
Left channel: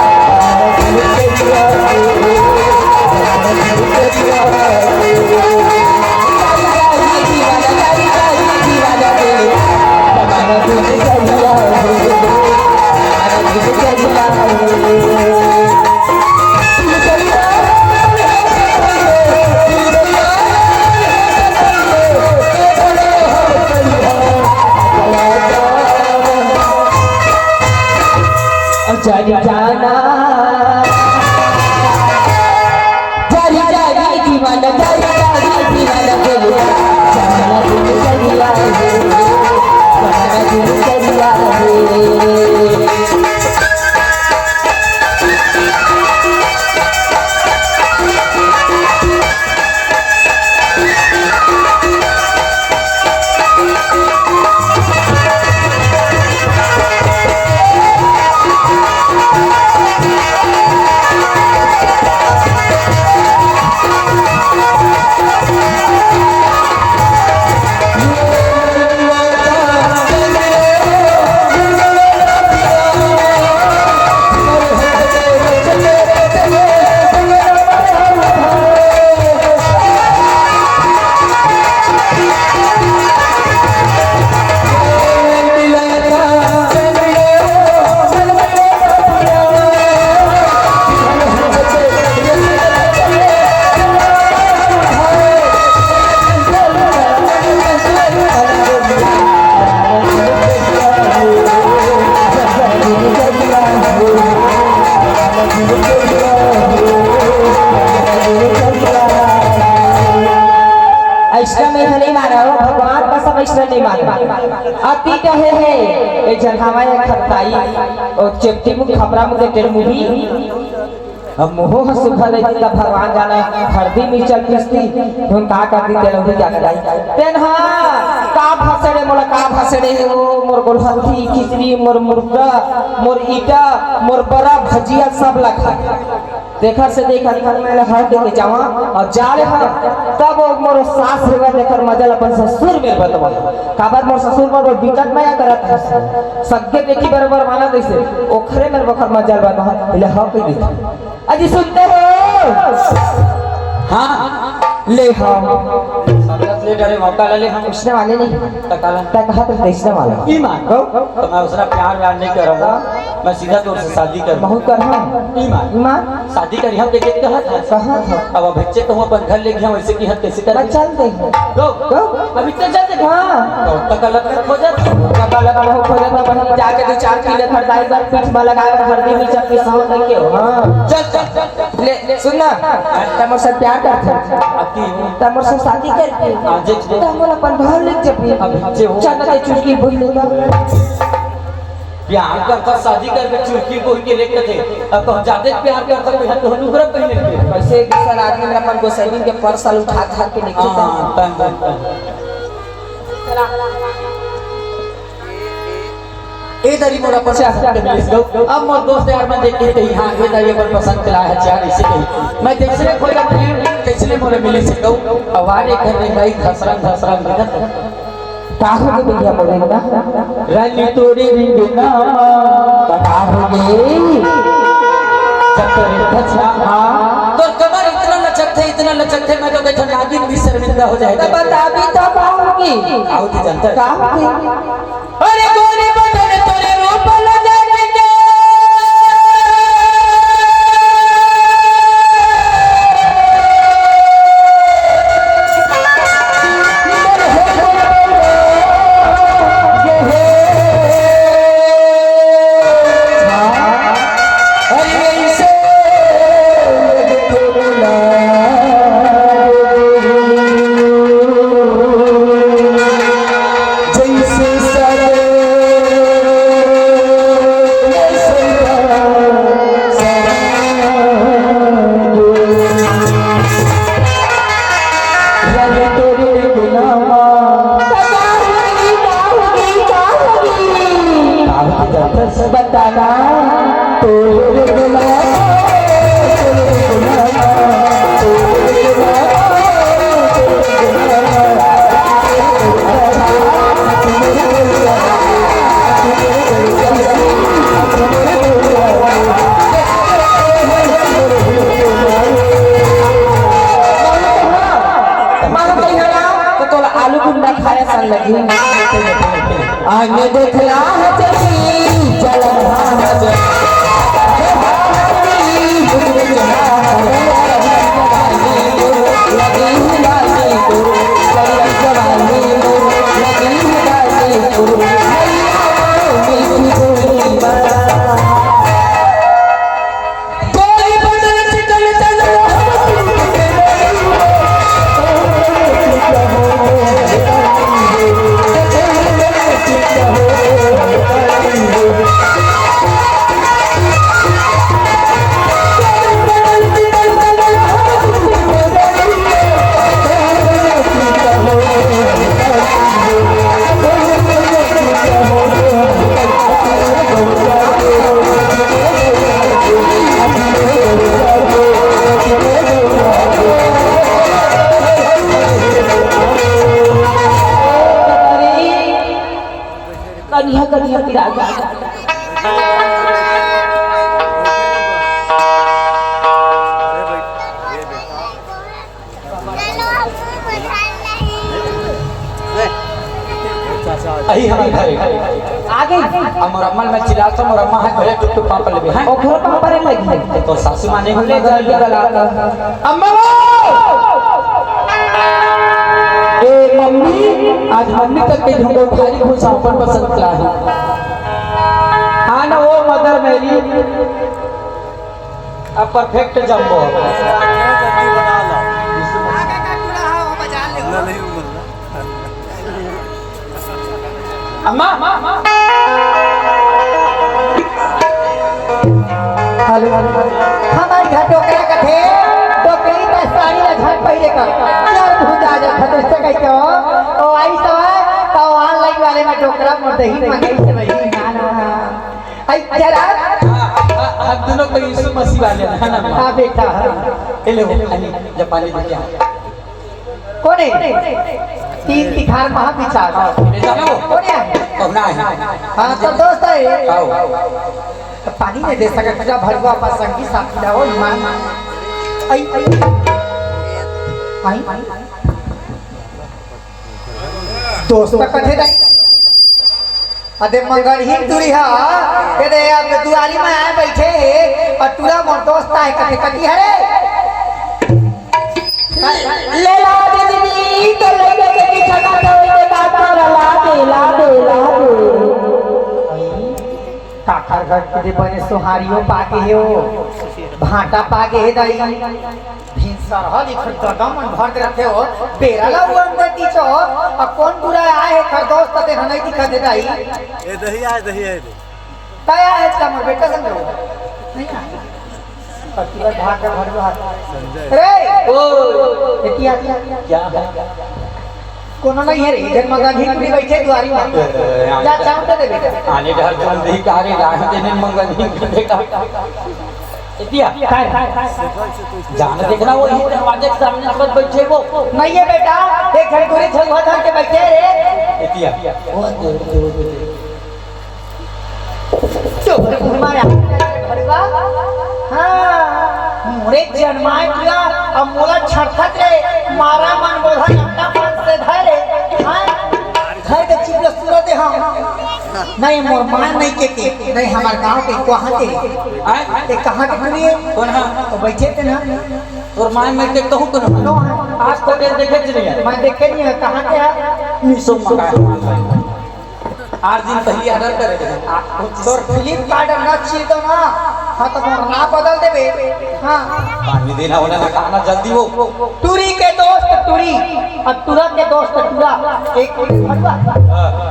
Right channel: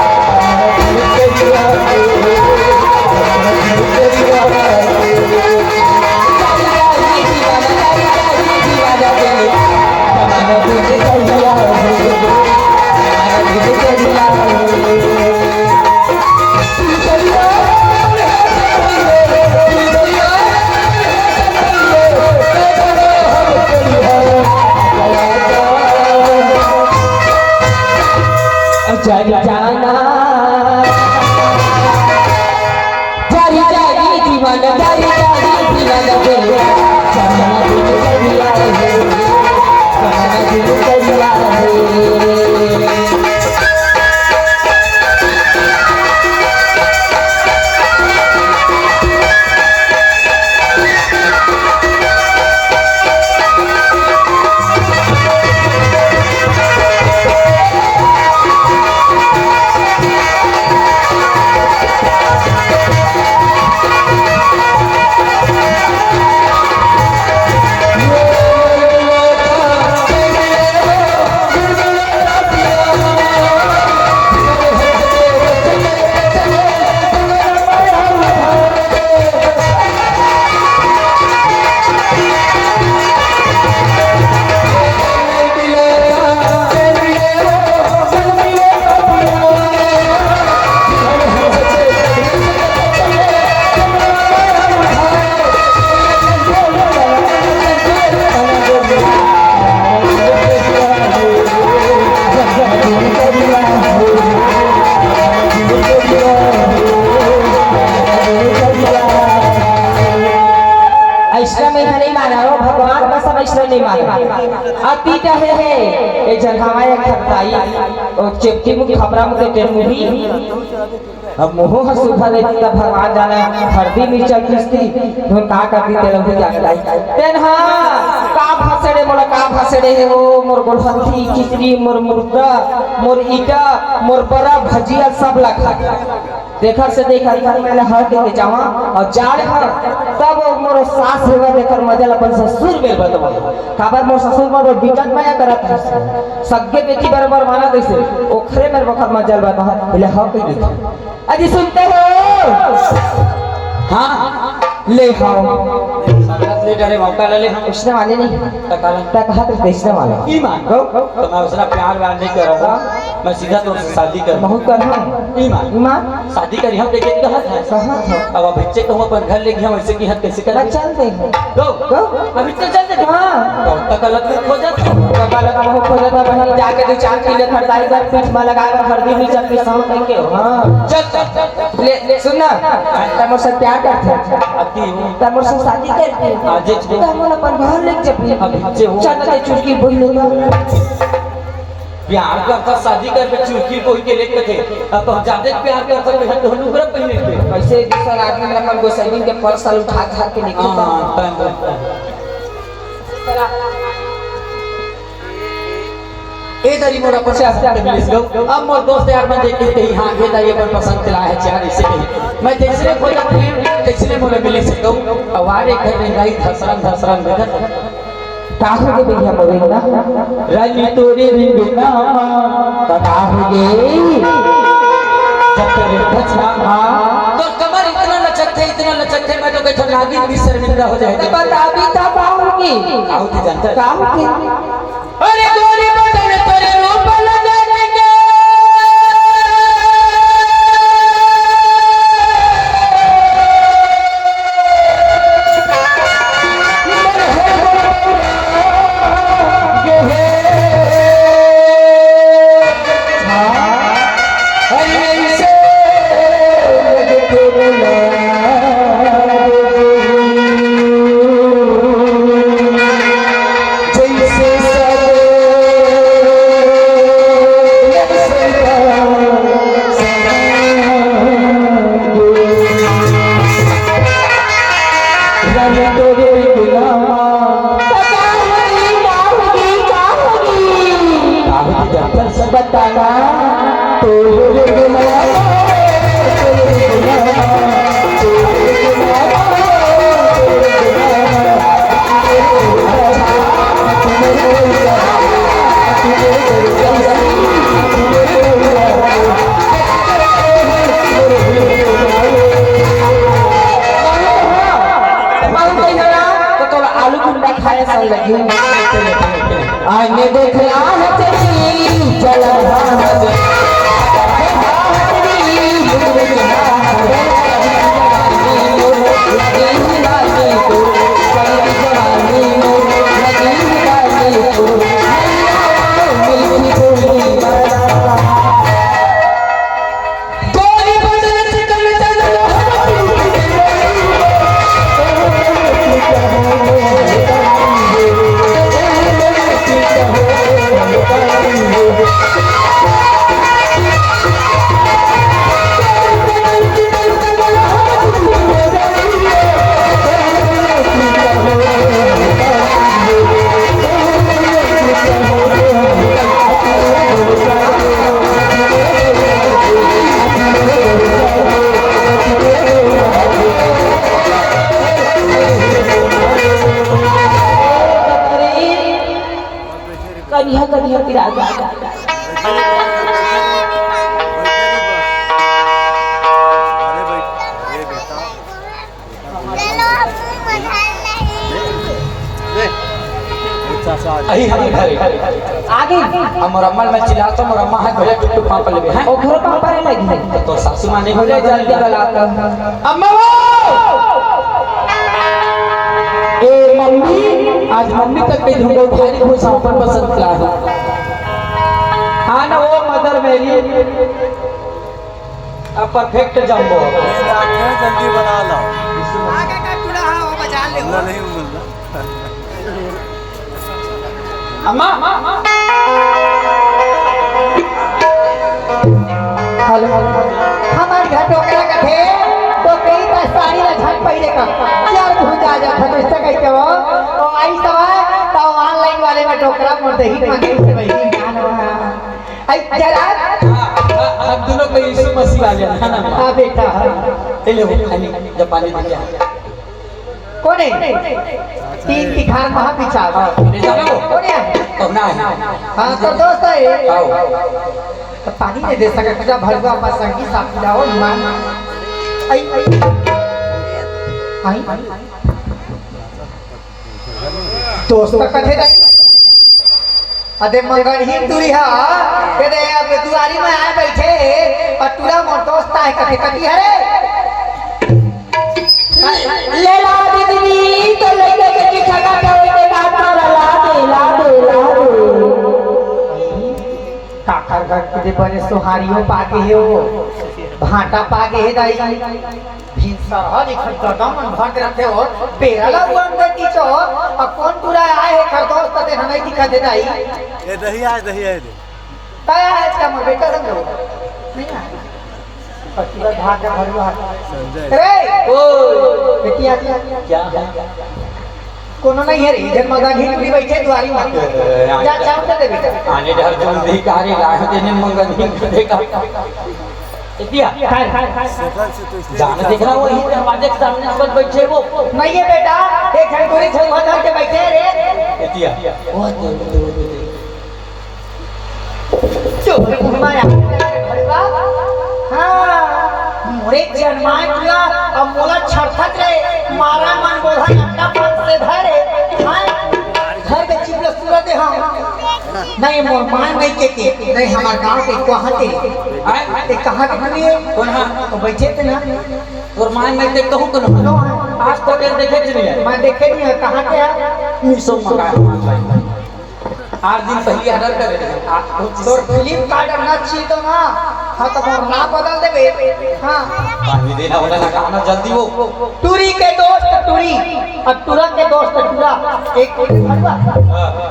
जारी जाना जारी जारी दीवाना जारी जारी दीवाना बोलो जाना दिल दरिया है जाना दिल दरिया है और चेप्टी मुख खबरा मुख तेरे मुही अब मोह सुखा रे तब भगवान जाने हरदी मिर्चा पिसती धुन का करती तेरे मुही क्या कराई तेन हां का भाषणे मोला का भाषणे हो मोर गोरहथी खिचड़ी मोर मुर्गा मोर ईटा मोर बड़ा भजिया सब लखा देखर से देखर मैं हर के जावा और जाले तब मोर सास हेवा देखर मजा अपन ससुर मेल बतवा काबर मोर ससुर मोर बिकट नया करत है सगे बेटी बराबर माना कैसे ओखरे मेरे बखर मजा बतवा ले हो के देखा अजी सुनते हो हाँ ले हां ले डरे मौका ले हम इसने वाले नहीं तकाला कहा तो देशने वाला ईमान को तो मैं उसरा प्यार व्यार नहीं कर रहा हूँ मैं सीधा तौर से शादी कर बहु करना ईमान ईमान शादी करी हम देखे कहा था कहाँ था अब बच्चे को हम अपन घर लेके हम ऐसे की हद कैसे करें चल दे गो गो अभी तो चल दे हाँ तो गलत में खो जाता जब लगा वो खोले तो वहीं जाके दो चार किलो खरदाई कर पीठ में लगाया हल्दी में चटनी सब लेके हो हाँ चल चल ले सुनना तमोर से प्यार करते आती हूँ तमोर से शादी करते आज जो तमोर अपन घर ले चपी अब जे हो चल के चुटकी बोल लेगा प्यार करता शादी कर के चुटकी कोई के लेके थे अब तो ज्यादा प्यार करता मैं तो नुकरा पहने थे ऐसे दूसरा आदमी में अपन गोसाई के पर साल उठा खा के निकल हां टाइम ए दरी मोरा पर से आते मिलिस गो अब मोर दोस्त यार मैं देख के हां ये दरी अपन पसंद चला है चार इसे कही मैं जैसे खोला कैसे मोरे मिलिस गो अवारे घर में नहीं धसरन भगत काहो के भैया मोरे ना रानी तोरे बिना काहोगे जब तेरे बचना तो कमर इतना लचकते मैं तो बैठा नागिन भी शर्मिंदा हो जाएगा बता भी तो काहोगी आओ की जानता है काहोगी अरे गोरी बदन तेरे रूप लगा के आलू गुंडा खाए सन लगी आगे देखला चली चला कन्या पिरागा अही हमारे घर आगे हमर अम्मा में चिल्ला तो मोर अम्मा हाथ भरे टुक पापा लेबे हैं ओखरो पापा रे लगी तो सासू मां नहीं बोले बोले जल्दी कलाता अम्मा ए मम्मी आज मम्मी तक के ढूंढो भारी हो सब अपन पसंद का है हाँ ना वो मदर मेरी अब परफेक्ट जम्बो जल्दी बना लो अल्लाह नहीं उमरना अम्मा वाले हमारे घर टोकरा का थे टोकरी का साड़ी में झट पहले का जब भूजा जा खतरे से कहते हो तो आई सब है तो ऑनलाइन वाले में टोकरा में दही मंगाई से भाई आई जरा अब दोनों को यीशु मसीह वाले हैं ना हां बेटा ले लो जापानी दिया कौन है तीन तिखार महा विचार कौन है तो ना है हां तो दोस्त है तो पानी नहीं दे सकते जब भरवा पर संगी साथ जाओ मान आई दोस्त का कथे नहीं अरे मंगल ही दूरी है कहते अब दुआरी में आए बैठे और तुरा मोर दोस्त है कथे कथी है ले लो दीदी तो लगे कि जगह पे मेरे काका ला दे काका घर के बने सुहारियों पाके है वो भाटा पाके है दाई भिनसर हर एक गदम भर के रखे हो बेरा ला उरम देती चो अब कौन पूरा आए है कर दोस्त ते हमें दिखा दे दाई ये दही आज दही है ताया है का मोर बेटा संग नहीं खा पति का भाग का घर में ए ओ बेटिया क्या है कोनो नहीं है रे जन्म गांधी पूरी बैठे दुआरी में जा चाव दे बेटा आने डर जो नहीं कारी लाए देने मंगल नहीं देखा इतिया जाने देखना वही दरवाजे के सामने आकर बैठे वो नहीं है बेटा एक घर दूरी छुआ धर के बैठे रे इतिया वो चोर घुमाया अरे वाह हां मोरे जन्माय किया अब मोला छटक रे मारा मन बोधा लट्टा पर से धरे हां घर के चिपले सूरत हम नहीं मोर मान नहीं के नहीं हमार गांव के कहां के ए कहां के बने कौन है तो बैठे थे ना और मान में देख कहूं तो आज तक देखे नहीं है मैं देखे नहीं है कहां के है मिसो मंगा 8 दिन पहले ऑर्डर करे तो फ्लिपकार्ट ना चाहिए तो ना हाँ तो मोर ना बदल देबे हाँ पानी देना वाला ना खाना जल्दी हो टूरी के दोस्त टूरी और टूरा के दोस्त टूरा एक भरवा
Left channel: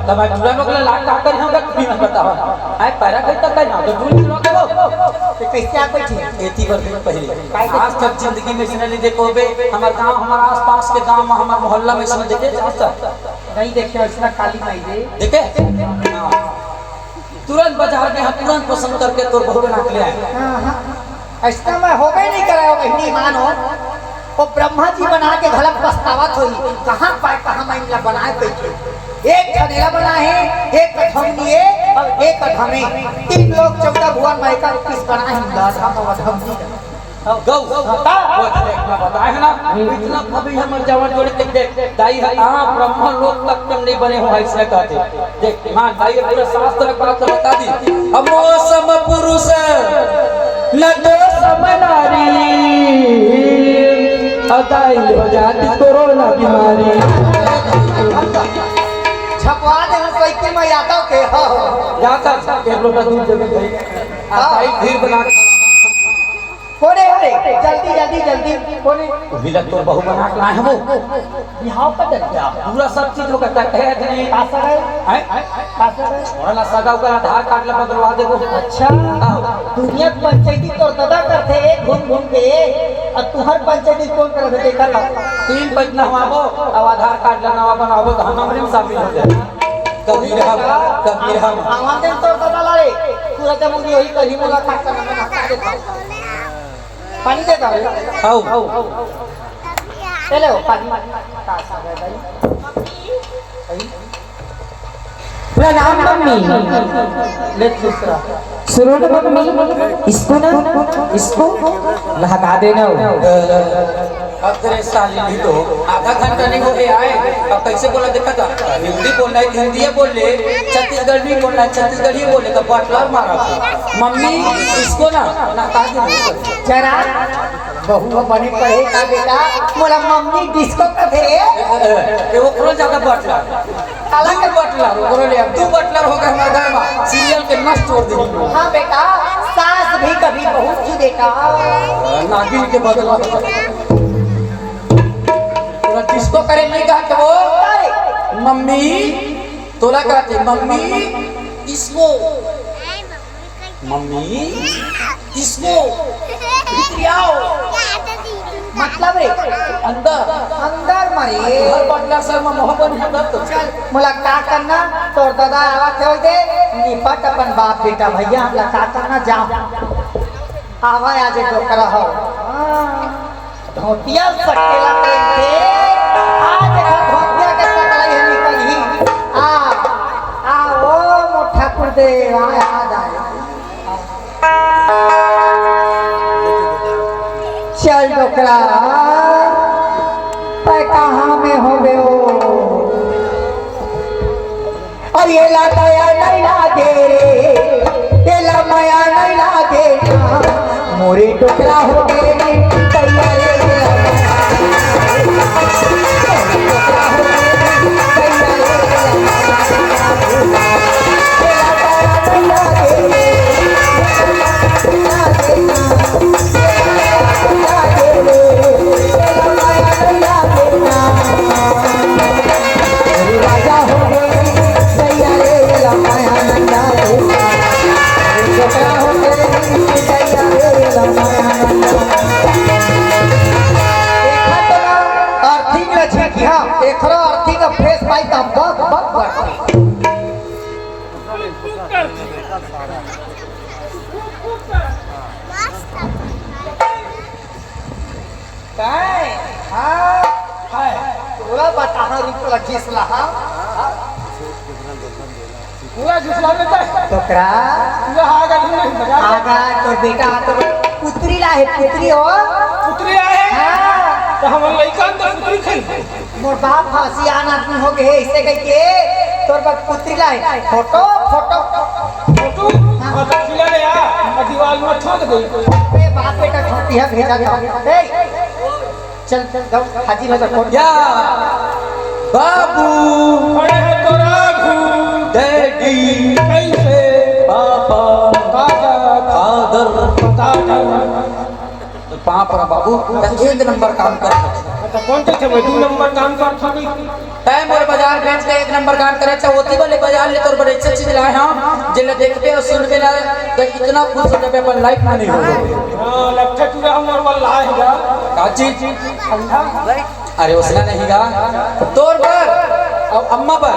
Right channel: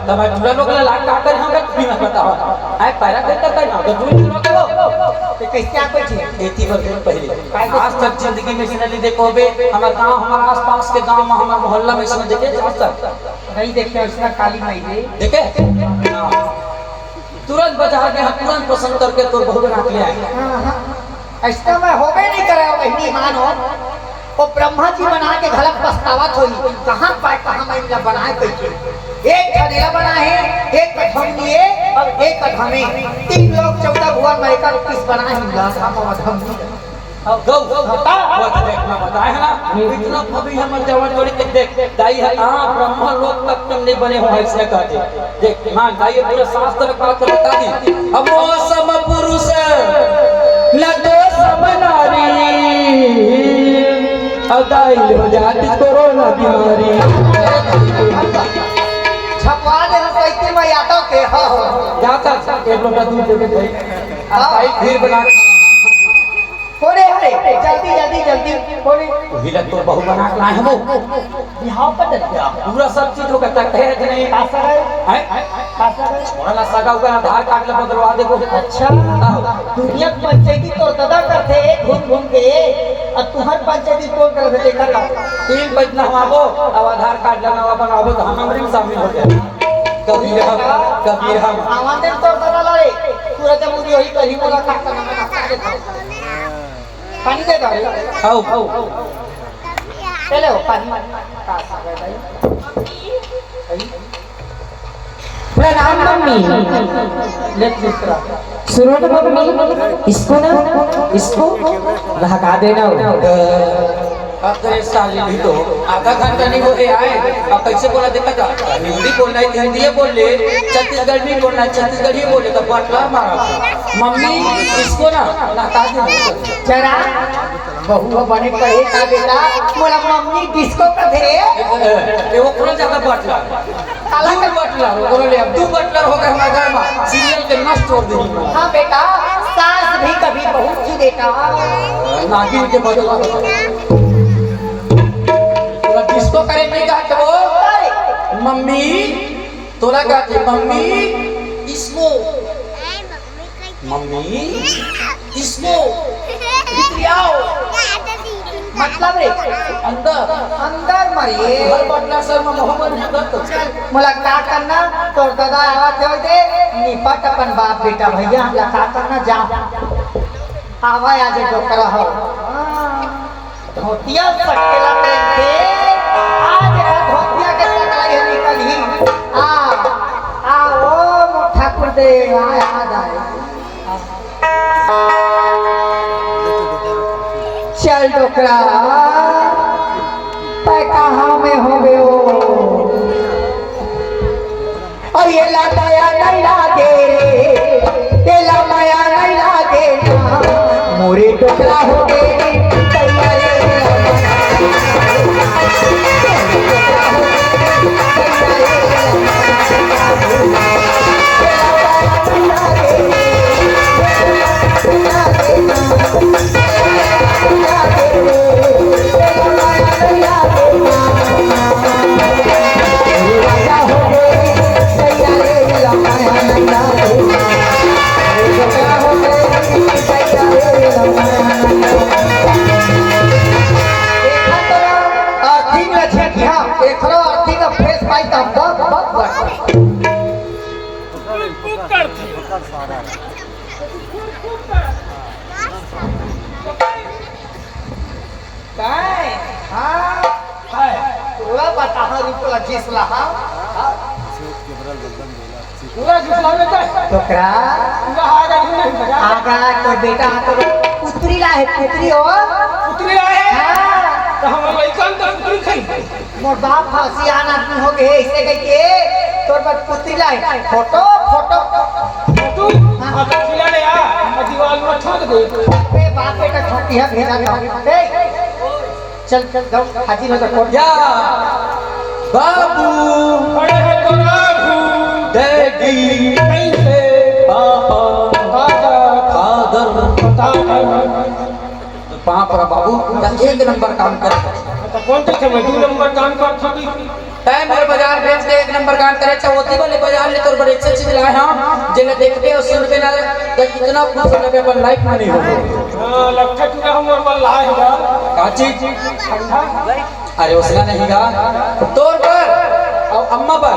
तब मैं टूरा लोग लाट काट कर हम भी ना करता हूं आई पैरा करता है ना तो टूरी लोग के तो कैसे आप बैठे एती वर्ष पहले आज तक जिंदगी में इसने देखो बे हमारे गांव हमारे आसपास के गांव में हमारे मोहल्ला में इसने देखे नहीं देखे इसका काली माई दे देखे तुरंत बाजार में हम तुरंत पसंद करके तो बहुत रख ले आए ऐसा मैं होबे नहीं करे बहनी मानो वो ब्रह्मा जी बना के घलक पछतावत होई कहां पाए कहां मैं इनला बनाए कैसे एक खनेला बना है एक कठौनी है और एक कठमे 3 लोग 14 भुवन भाई का किस बना है लासा को वधम नहीं गौ वो देखना बताए है ना इतना कभी हमर जवान जोड़ी देख दाई है हां ब्रह्मा लोक तक नहीं बने हो इसने कहते देख हां दाई पूरा शास्त्र का बता दी हमरो सम पुरुष न दो सम नारी अदाई हो जाती कोरोना बीमारी छपवा दे हम साइकिल में यादव के हो जाता एक लोटा दूध दे दे आई खीर बना कोने है जल्दी जल्दी जल्दी कोने हिला तो बहु बना के लाए हो बिहाव का डर क्या पूरा सब चीज हो करता है कि नहीं आशा है हैं आशा है वाला सगा का आधार कार्ड ले बदलवा दे को अच्छा दुनिया पंचायती तो दादा करते घूम घूम के और तुम्हार पंचायती कौन कर दे देखा लो 3 पैसा हमारो अब आधार कार्ड लगावा बनावो तो हम हमरे में शामिल हो जाए कभी हम हमारे तो दादा रे पूरा जब मुझे यही कहीं मुलाकात करना पानी दे दो खाओ ले लो पानी प्रणाम मम्मी ले दूसरा सुनो तो मम्मी इसको भगा देना अब तेरे साली भी तो आधा घंटा नहीं बोले आए अब कैसे बोला देखा था हिंदी बोलना है हिंदी बोल ले छत्तीसगढ़ भी बोलना है छत्तीसगढ़ ही बोले तो बटला मारा मम्मी इसको ना ताकि जरा बहु बने पड़े का बेटा मोरा मम्मी डिस्को कर दे वो कौन जगह बटला अलग बटला बोलो ले अब 2 बटलर हो गए हमारे घर में सीरियल के नष्ट छोड़ देनी हाँ बेटा सास भी कभी बहुत सी देखा नागिन के बदला किसको करे नहीं कहा तो मम्मी तोरा कहते मम्मी इसको मम्मी इसको आओ मतलब रे अंदर अंदर मरे घर पटना सर में मोहब्बत है तो चल मुलाकात करना तोर दादा आवा थे दे निपट अपन बाप बेटा भैया मुलाकात करना जाओ आवा आज डोकरा हो धोतिया सकेला पहन के आ देखा धोतिया के सकला है निकल ही आ ओ मुठा कर दे आ जाए चल डोकरा पे कहाँ में हो गए हो और ये लाया नहीं लागे रे ये माया नहीं लागे ना मोरे टुकड़ा हो गए एकरो अर्थी का फेस पाई का बहुत बढ़ती काय हां तुला बता रुपया जिसला हां पूरा घिसला देता टोकरा पूरा आगा ढूंढ बजा आगरा कोई बेटा तो पुत्री ला है पुत्री हो पुतली है तो हम लइका तो पुतली खाई मोर बाप हसियान आदमी हो गए ऐसे कह के तोर बाप पुत्री ला है फोटो फोटो फोटो और खिला ले आ दीवार में ठोक दे बे बाप बेटा खटिया भेजा गया ए चल चल जाओ हाजी नजर कोट या बाबू अरे है तो राघू डैडी कैसे पापा फादर वहाँ पर बाबू एक नंबर काम कर तो कौन थे 2 नंबर काम कर छोड़ी टाइम और बाजार बेच के 1 नंबर काम करे चौथी वाले बाजार ले तोर बड़े अच्छे चीज लाए हम जेला देखते हो सुनते ना तो इतना खुश होने पे अपन लाइफ में नहीं हो हां लखा पूरा हम नंबर लाए होगा का चीज अरे उसला नहीं गा तोर पर और अम्मा पर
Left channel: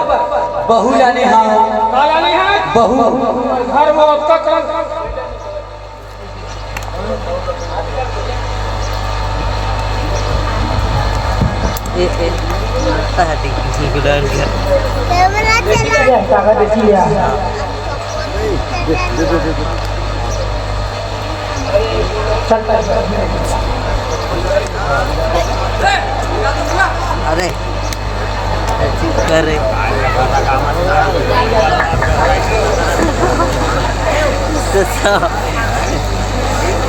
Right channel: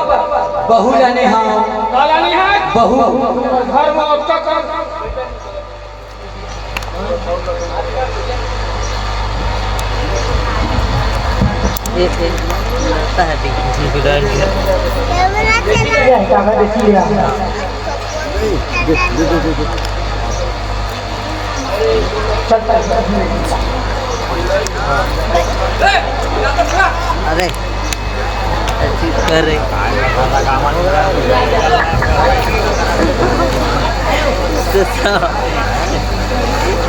बहू लाने हम का लानी है बहू घर में उसका काम लगता है देखिए डर गया अरे ऐसी कर रहे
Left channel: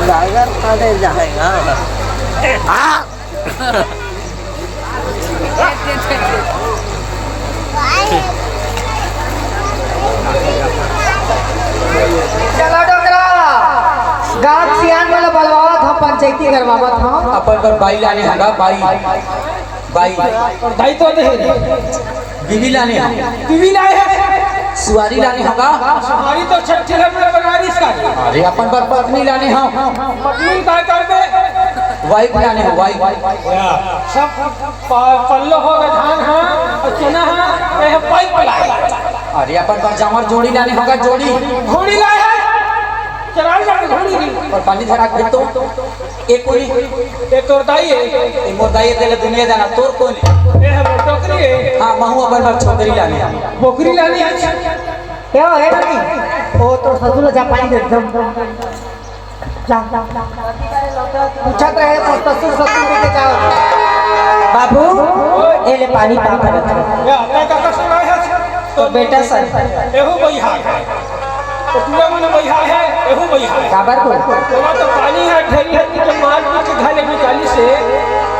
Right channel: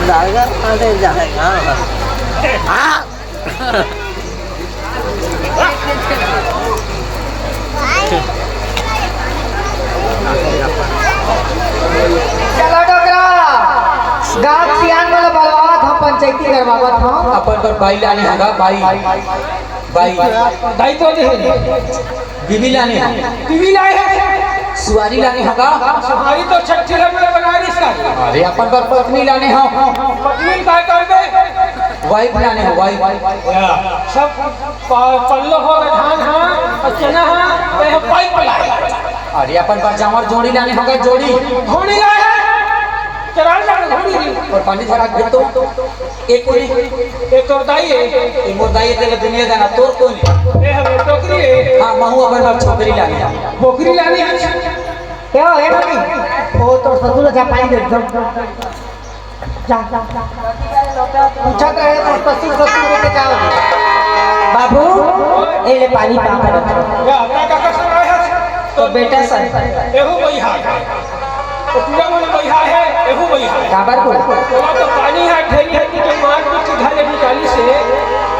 लागर पड़े जाएगा हाँ चलो डोकरा गांव सियान वाला बलवा था पंचायती करवावा था अपन पर बाई लाने होगा बाई दाई तो दे बीवी लाने होगा टीवी लाए है सुवारी लाने होगा हमारी तो छठे लगे बनारस का अरे अपन पर पत्नी लाने हो पत्नी काय कर दे वाइफ लाने हो वाइफ सब पल्लो हो गए धान हां चना हां वह पाइप लाए अरे अपन पर जामर जोड़ी लाने होगा जोड़ी घोड़ी लाए चलाई जा घोड़ी भी और पानी धरा के तो एक कोई एक तो दाई है एक मोर दाई तेरे दुनिया जाना तोर कोई ए हम टोकरी है हां महू अपन पर छोकरी लाने बोकरी लानी है क्या है नहीं वो तो सदुल जा पाई एकदम जा पूछा तो है तो ससुर लेके जाओ बाबू ये ले पानी पा कर ये आता का कसम है तो बेटा सर एहू बिहार है तो पूरा मन बिहार है एहू बिहार है काबर को तो पानी है ढेरी है कि मार कुछ घाले निकाली से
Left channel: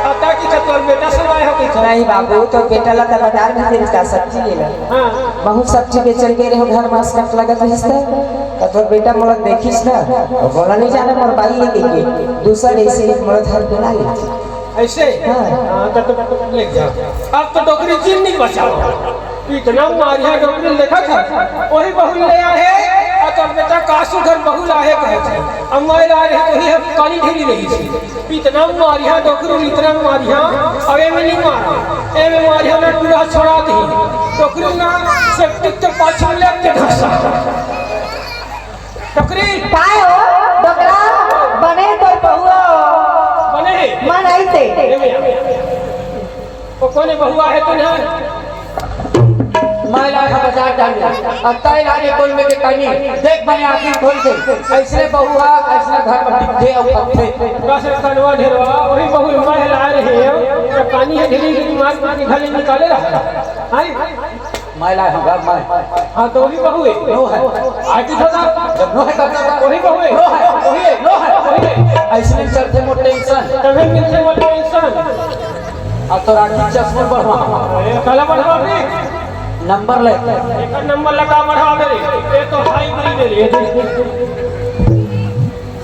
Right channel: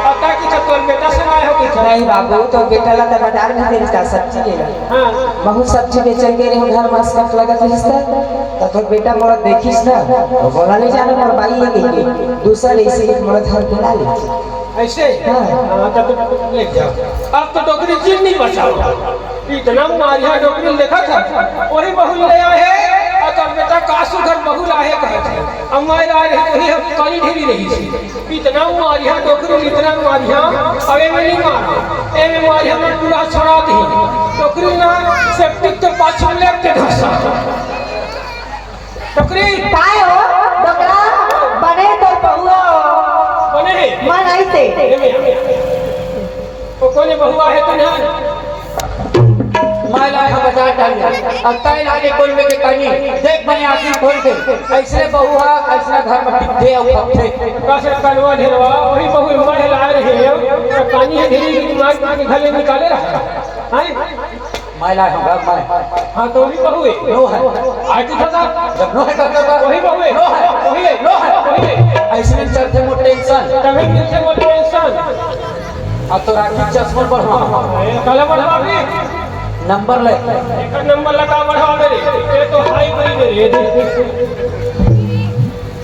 आता कि तोर बेटा से आया है कि नहीं बाबू तो बेटा ला कर बाजार में तेरे का सब्जी लेला हां बहुत सब्जी बेचल के रे घर मास कट लगत रहिस त तो बेटा मोर देखिस ना बोला नहीं जाना मोर बाई है के दूसरा ऐसे एक मर्द हर बना ले ऐसे हां तो ले जाओ अब तो डोकरी चीन नहीं बचाओ इतना मारिया डोकरी देखा था वही बहु ले आए और तब बेटा कासु घर बहु लाहे गए थे अब मैं ला रही वही हम काली ढेरी रही थी इतना मारिया डोकरी इतना मारिया और ए में नहीं मारे ए में मारिया ने पूरा छोड़ा दी डोकरी ना सेप्टिक के पाछे लेट के धसा डोकरी काय हो डोकरा बने तो बहुआ बने मन आई थे वो कोने बहुआ है तो नहीं मैं लाया बाजार डाल अब तय लागे कोई में के कहानी देख मैंने आंखें खोल के ऐसे बहुआ ऐसा घर में टिकते और पत्ते बस कनवा ढेरवा वही बहु मैं ला रही है तो पानी है ढेरी की दिमाग के घर में निकाले रहा है मैं लाया हूँ मैं हाँ तो वही बहु है नो है आज होगा जब नो है तब वही बहु है नो है वही है नो है वही है ऐसे में चलते मोटे टेंशन तभी मिलते मत टेंशन अब तो राखी चश्मा बढ़वा कल बढ़वा दे नंबर ले एक नंबर लगा बढ़ा मेरे ये तो हाई बड़ी दे रही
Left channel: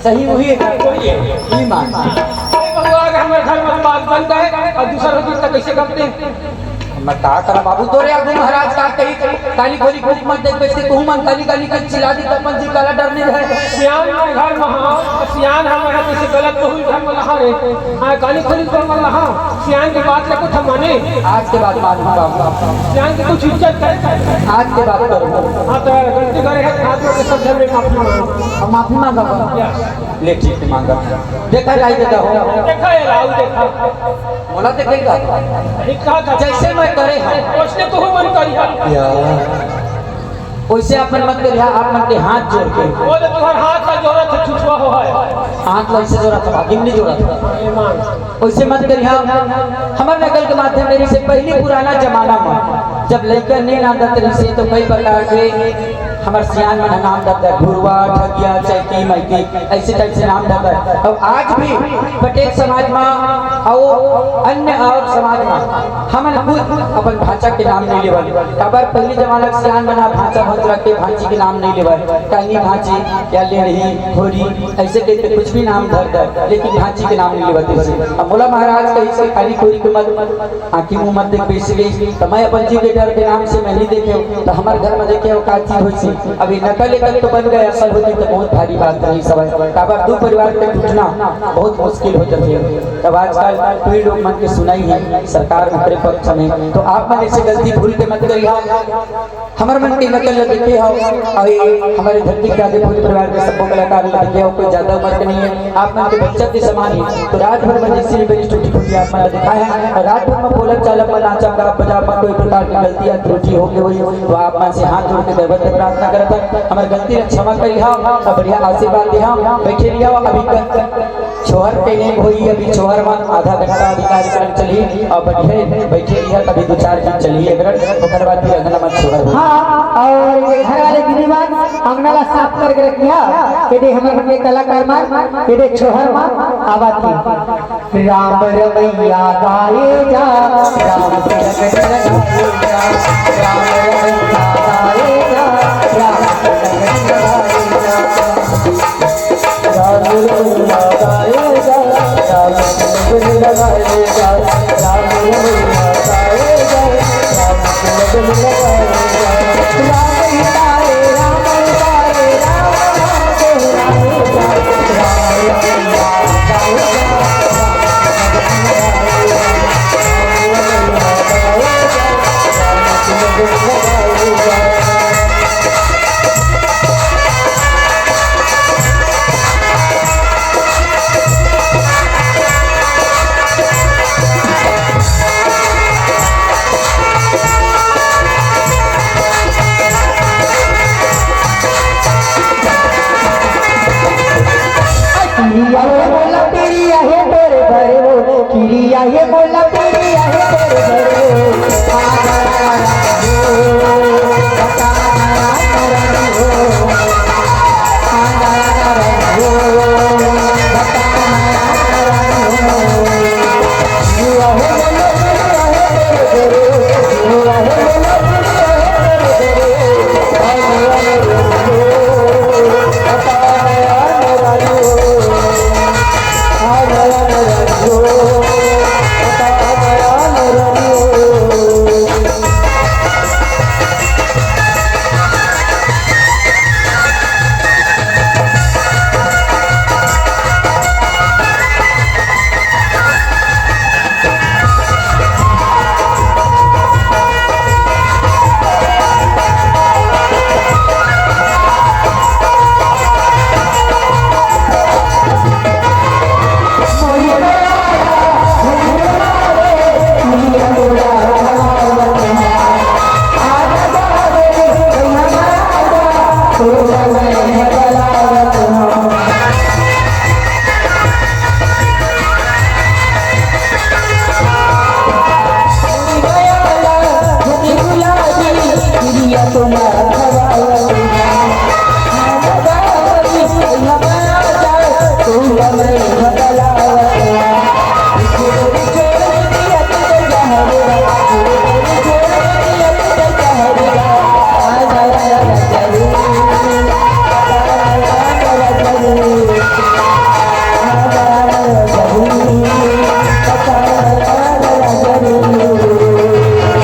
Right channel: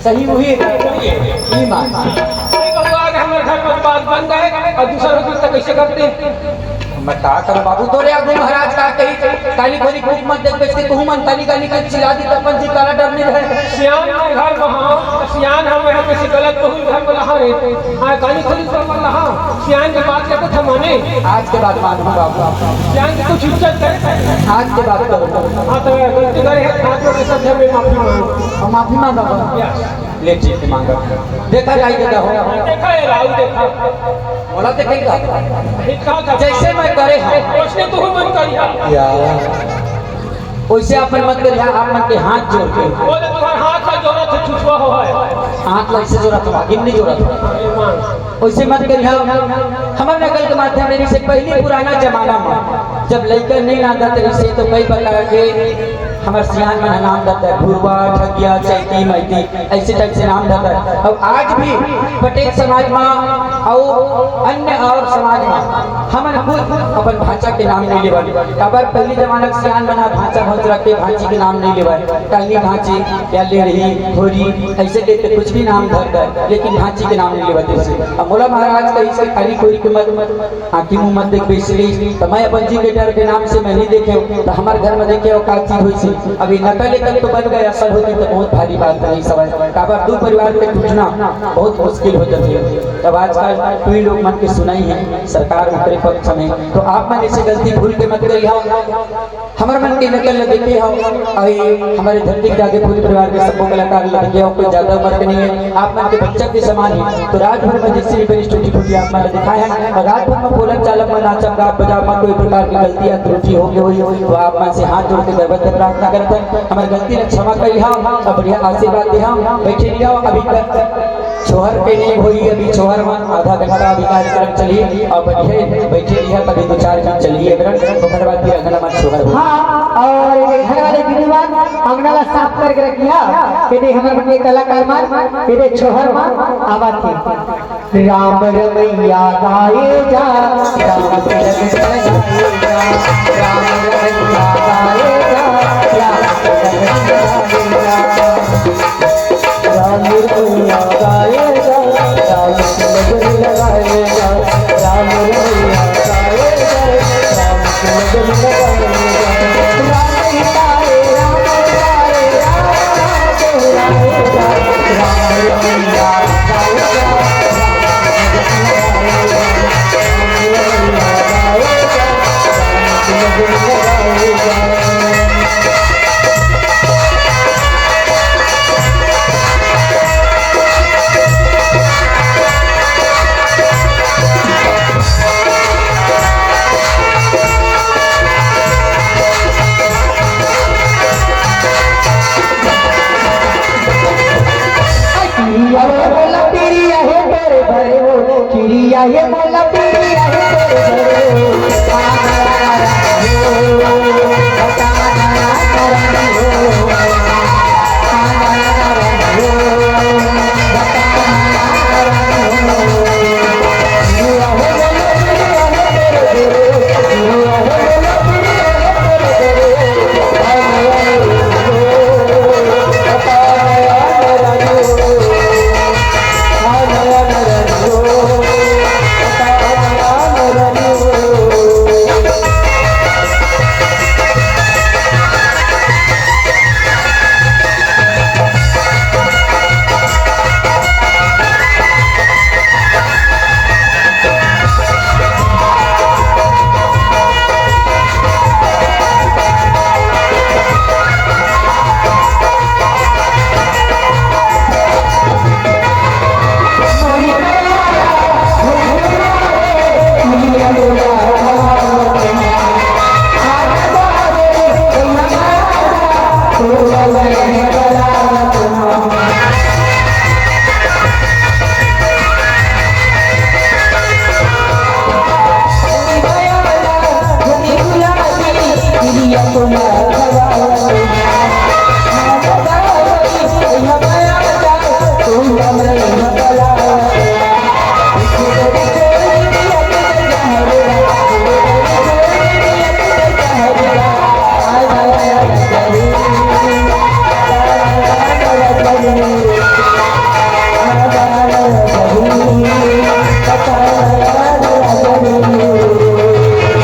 सही हुई है ई मान हमारे घर में बात बंद है और दूसरा रोटी तक कैसे करते हैं मैं कहा करूं बाबू तोरे आगू महाराज का कही काली खोली खोली मत देख बैठते कहूं मन काली काली कर चिल्ला दी तपन जी काला डरने रहे सियान के घर वहां सियान हम है किसी गलत को ही घर में लहा रहते हां काली खोली घर में लहा सियान की बात को तो माने आज के बाद मानूंगा बाबू सियान की कुछ इज्जत करे आज के बाद करूंगा हां तो अगर गलती करे है हाथ में सब घर में माफी मांगो और माफी मांगा ले ठीक है मांगा देखा जाएगा हो देखा है राहुल देखा बोला देखेगा देखा जैसे मैं करे उसने तो मन करिया वैसे आप मन मत करिए आप मन के हाथ जोड़ के वो तो तुम्हारे हाथ का जोड़ा था छुछवा हो है हाथ ऐसे जोड़ा था गिन्नी जोड़ा था वैसे मत करिए हमारे नकल के माथे मेरे से पहली पुराना जमाना में जब लड़का नहीं आंदा तरी से तो कई प्रकार के हमारे सियान में नाम दाता भूरवा ठगिया चैती मैती ऐसे टाइप से नाम दाता और आज भी पटेल समाज में और अन्य और समाज में हमारे खुद अपन भाषा के नाम नहीं लेवा अबर पहली जमाना सियान में ना भाषा भोज रख के भांची के नाम नहीं लेवा काली भांची या लेढ़ी थोड़ी ऐसे के कुछ भी नाम धरता है लेकिन भांची के नाम नहीं लेवा जैसे मोला महाराज कही से काली कोरी के मत आँखी मुँह मत देख बेच गई तो मैं अपन जी के डर के नाम से मैं नहीं देखे तो हमारे घर में देखे वो का चीज हुई सी अभी नकल तो बन गए असल होती तो बहुत भारी बात नहीं समझ काबर दो परिवार पे टूटना बहुत मुश्किल होता है तब आजकल कोई लोग मन के सुनाई है सरकार उतरे पक्ष में तो आप मन ऐसे गलती भूल के मत करिए हमारे मन की नकल देखे हो अभी हमारे धरती के आगे पूरे परिवार के सबको कलाकार देखे हो कोई ज्यादा उम्र के नहीं है आप मन के बच्चे के समान है तो रात भर में जिससे भी बड़ी टूटी फूटी आप मैंने दिखाए हैं और रात भर में बोलक चालक में नाचक गाप बजा में कोई प्रकार की गलती या त्रुटि हो गई हुई तो आप मन से हाथ जोड़ के दरबदर प्रार्थना करता हमारी गलती ने क्षमा करी हो और बढ़िया आशीर्वाद दे हो बैठे रहिए अभी तक छोहर पे नहीं हुई अभी छोहर मान आधा घंटा अभी कार्यक्रम चलिए और बैठे रहिए कभी 2-4 दिन चलिए ओकर बाद फिर अगला बार छोहर और घर वाले गिरीवान अंगना साफ करके रखिया के दे हमारे बने कलाकार मान के दे छोहर मान आवाज थी राम रमैया गाए जा राम रमैया गाए जा राम रमैया गाए जा राम रमैया गाए जा राम रमैया गाए जा राम रमैया गाए जा राम रमैया गाए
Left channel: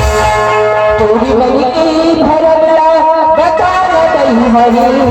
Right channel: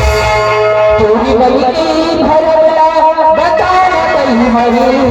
तोरी बली भरला बता बली हरी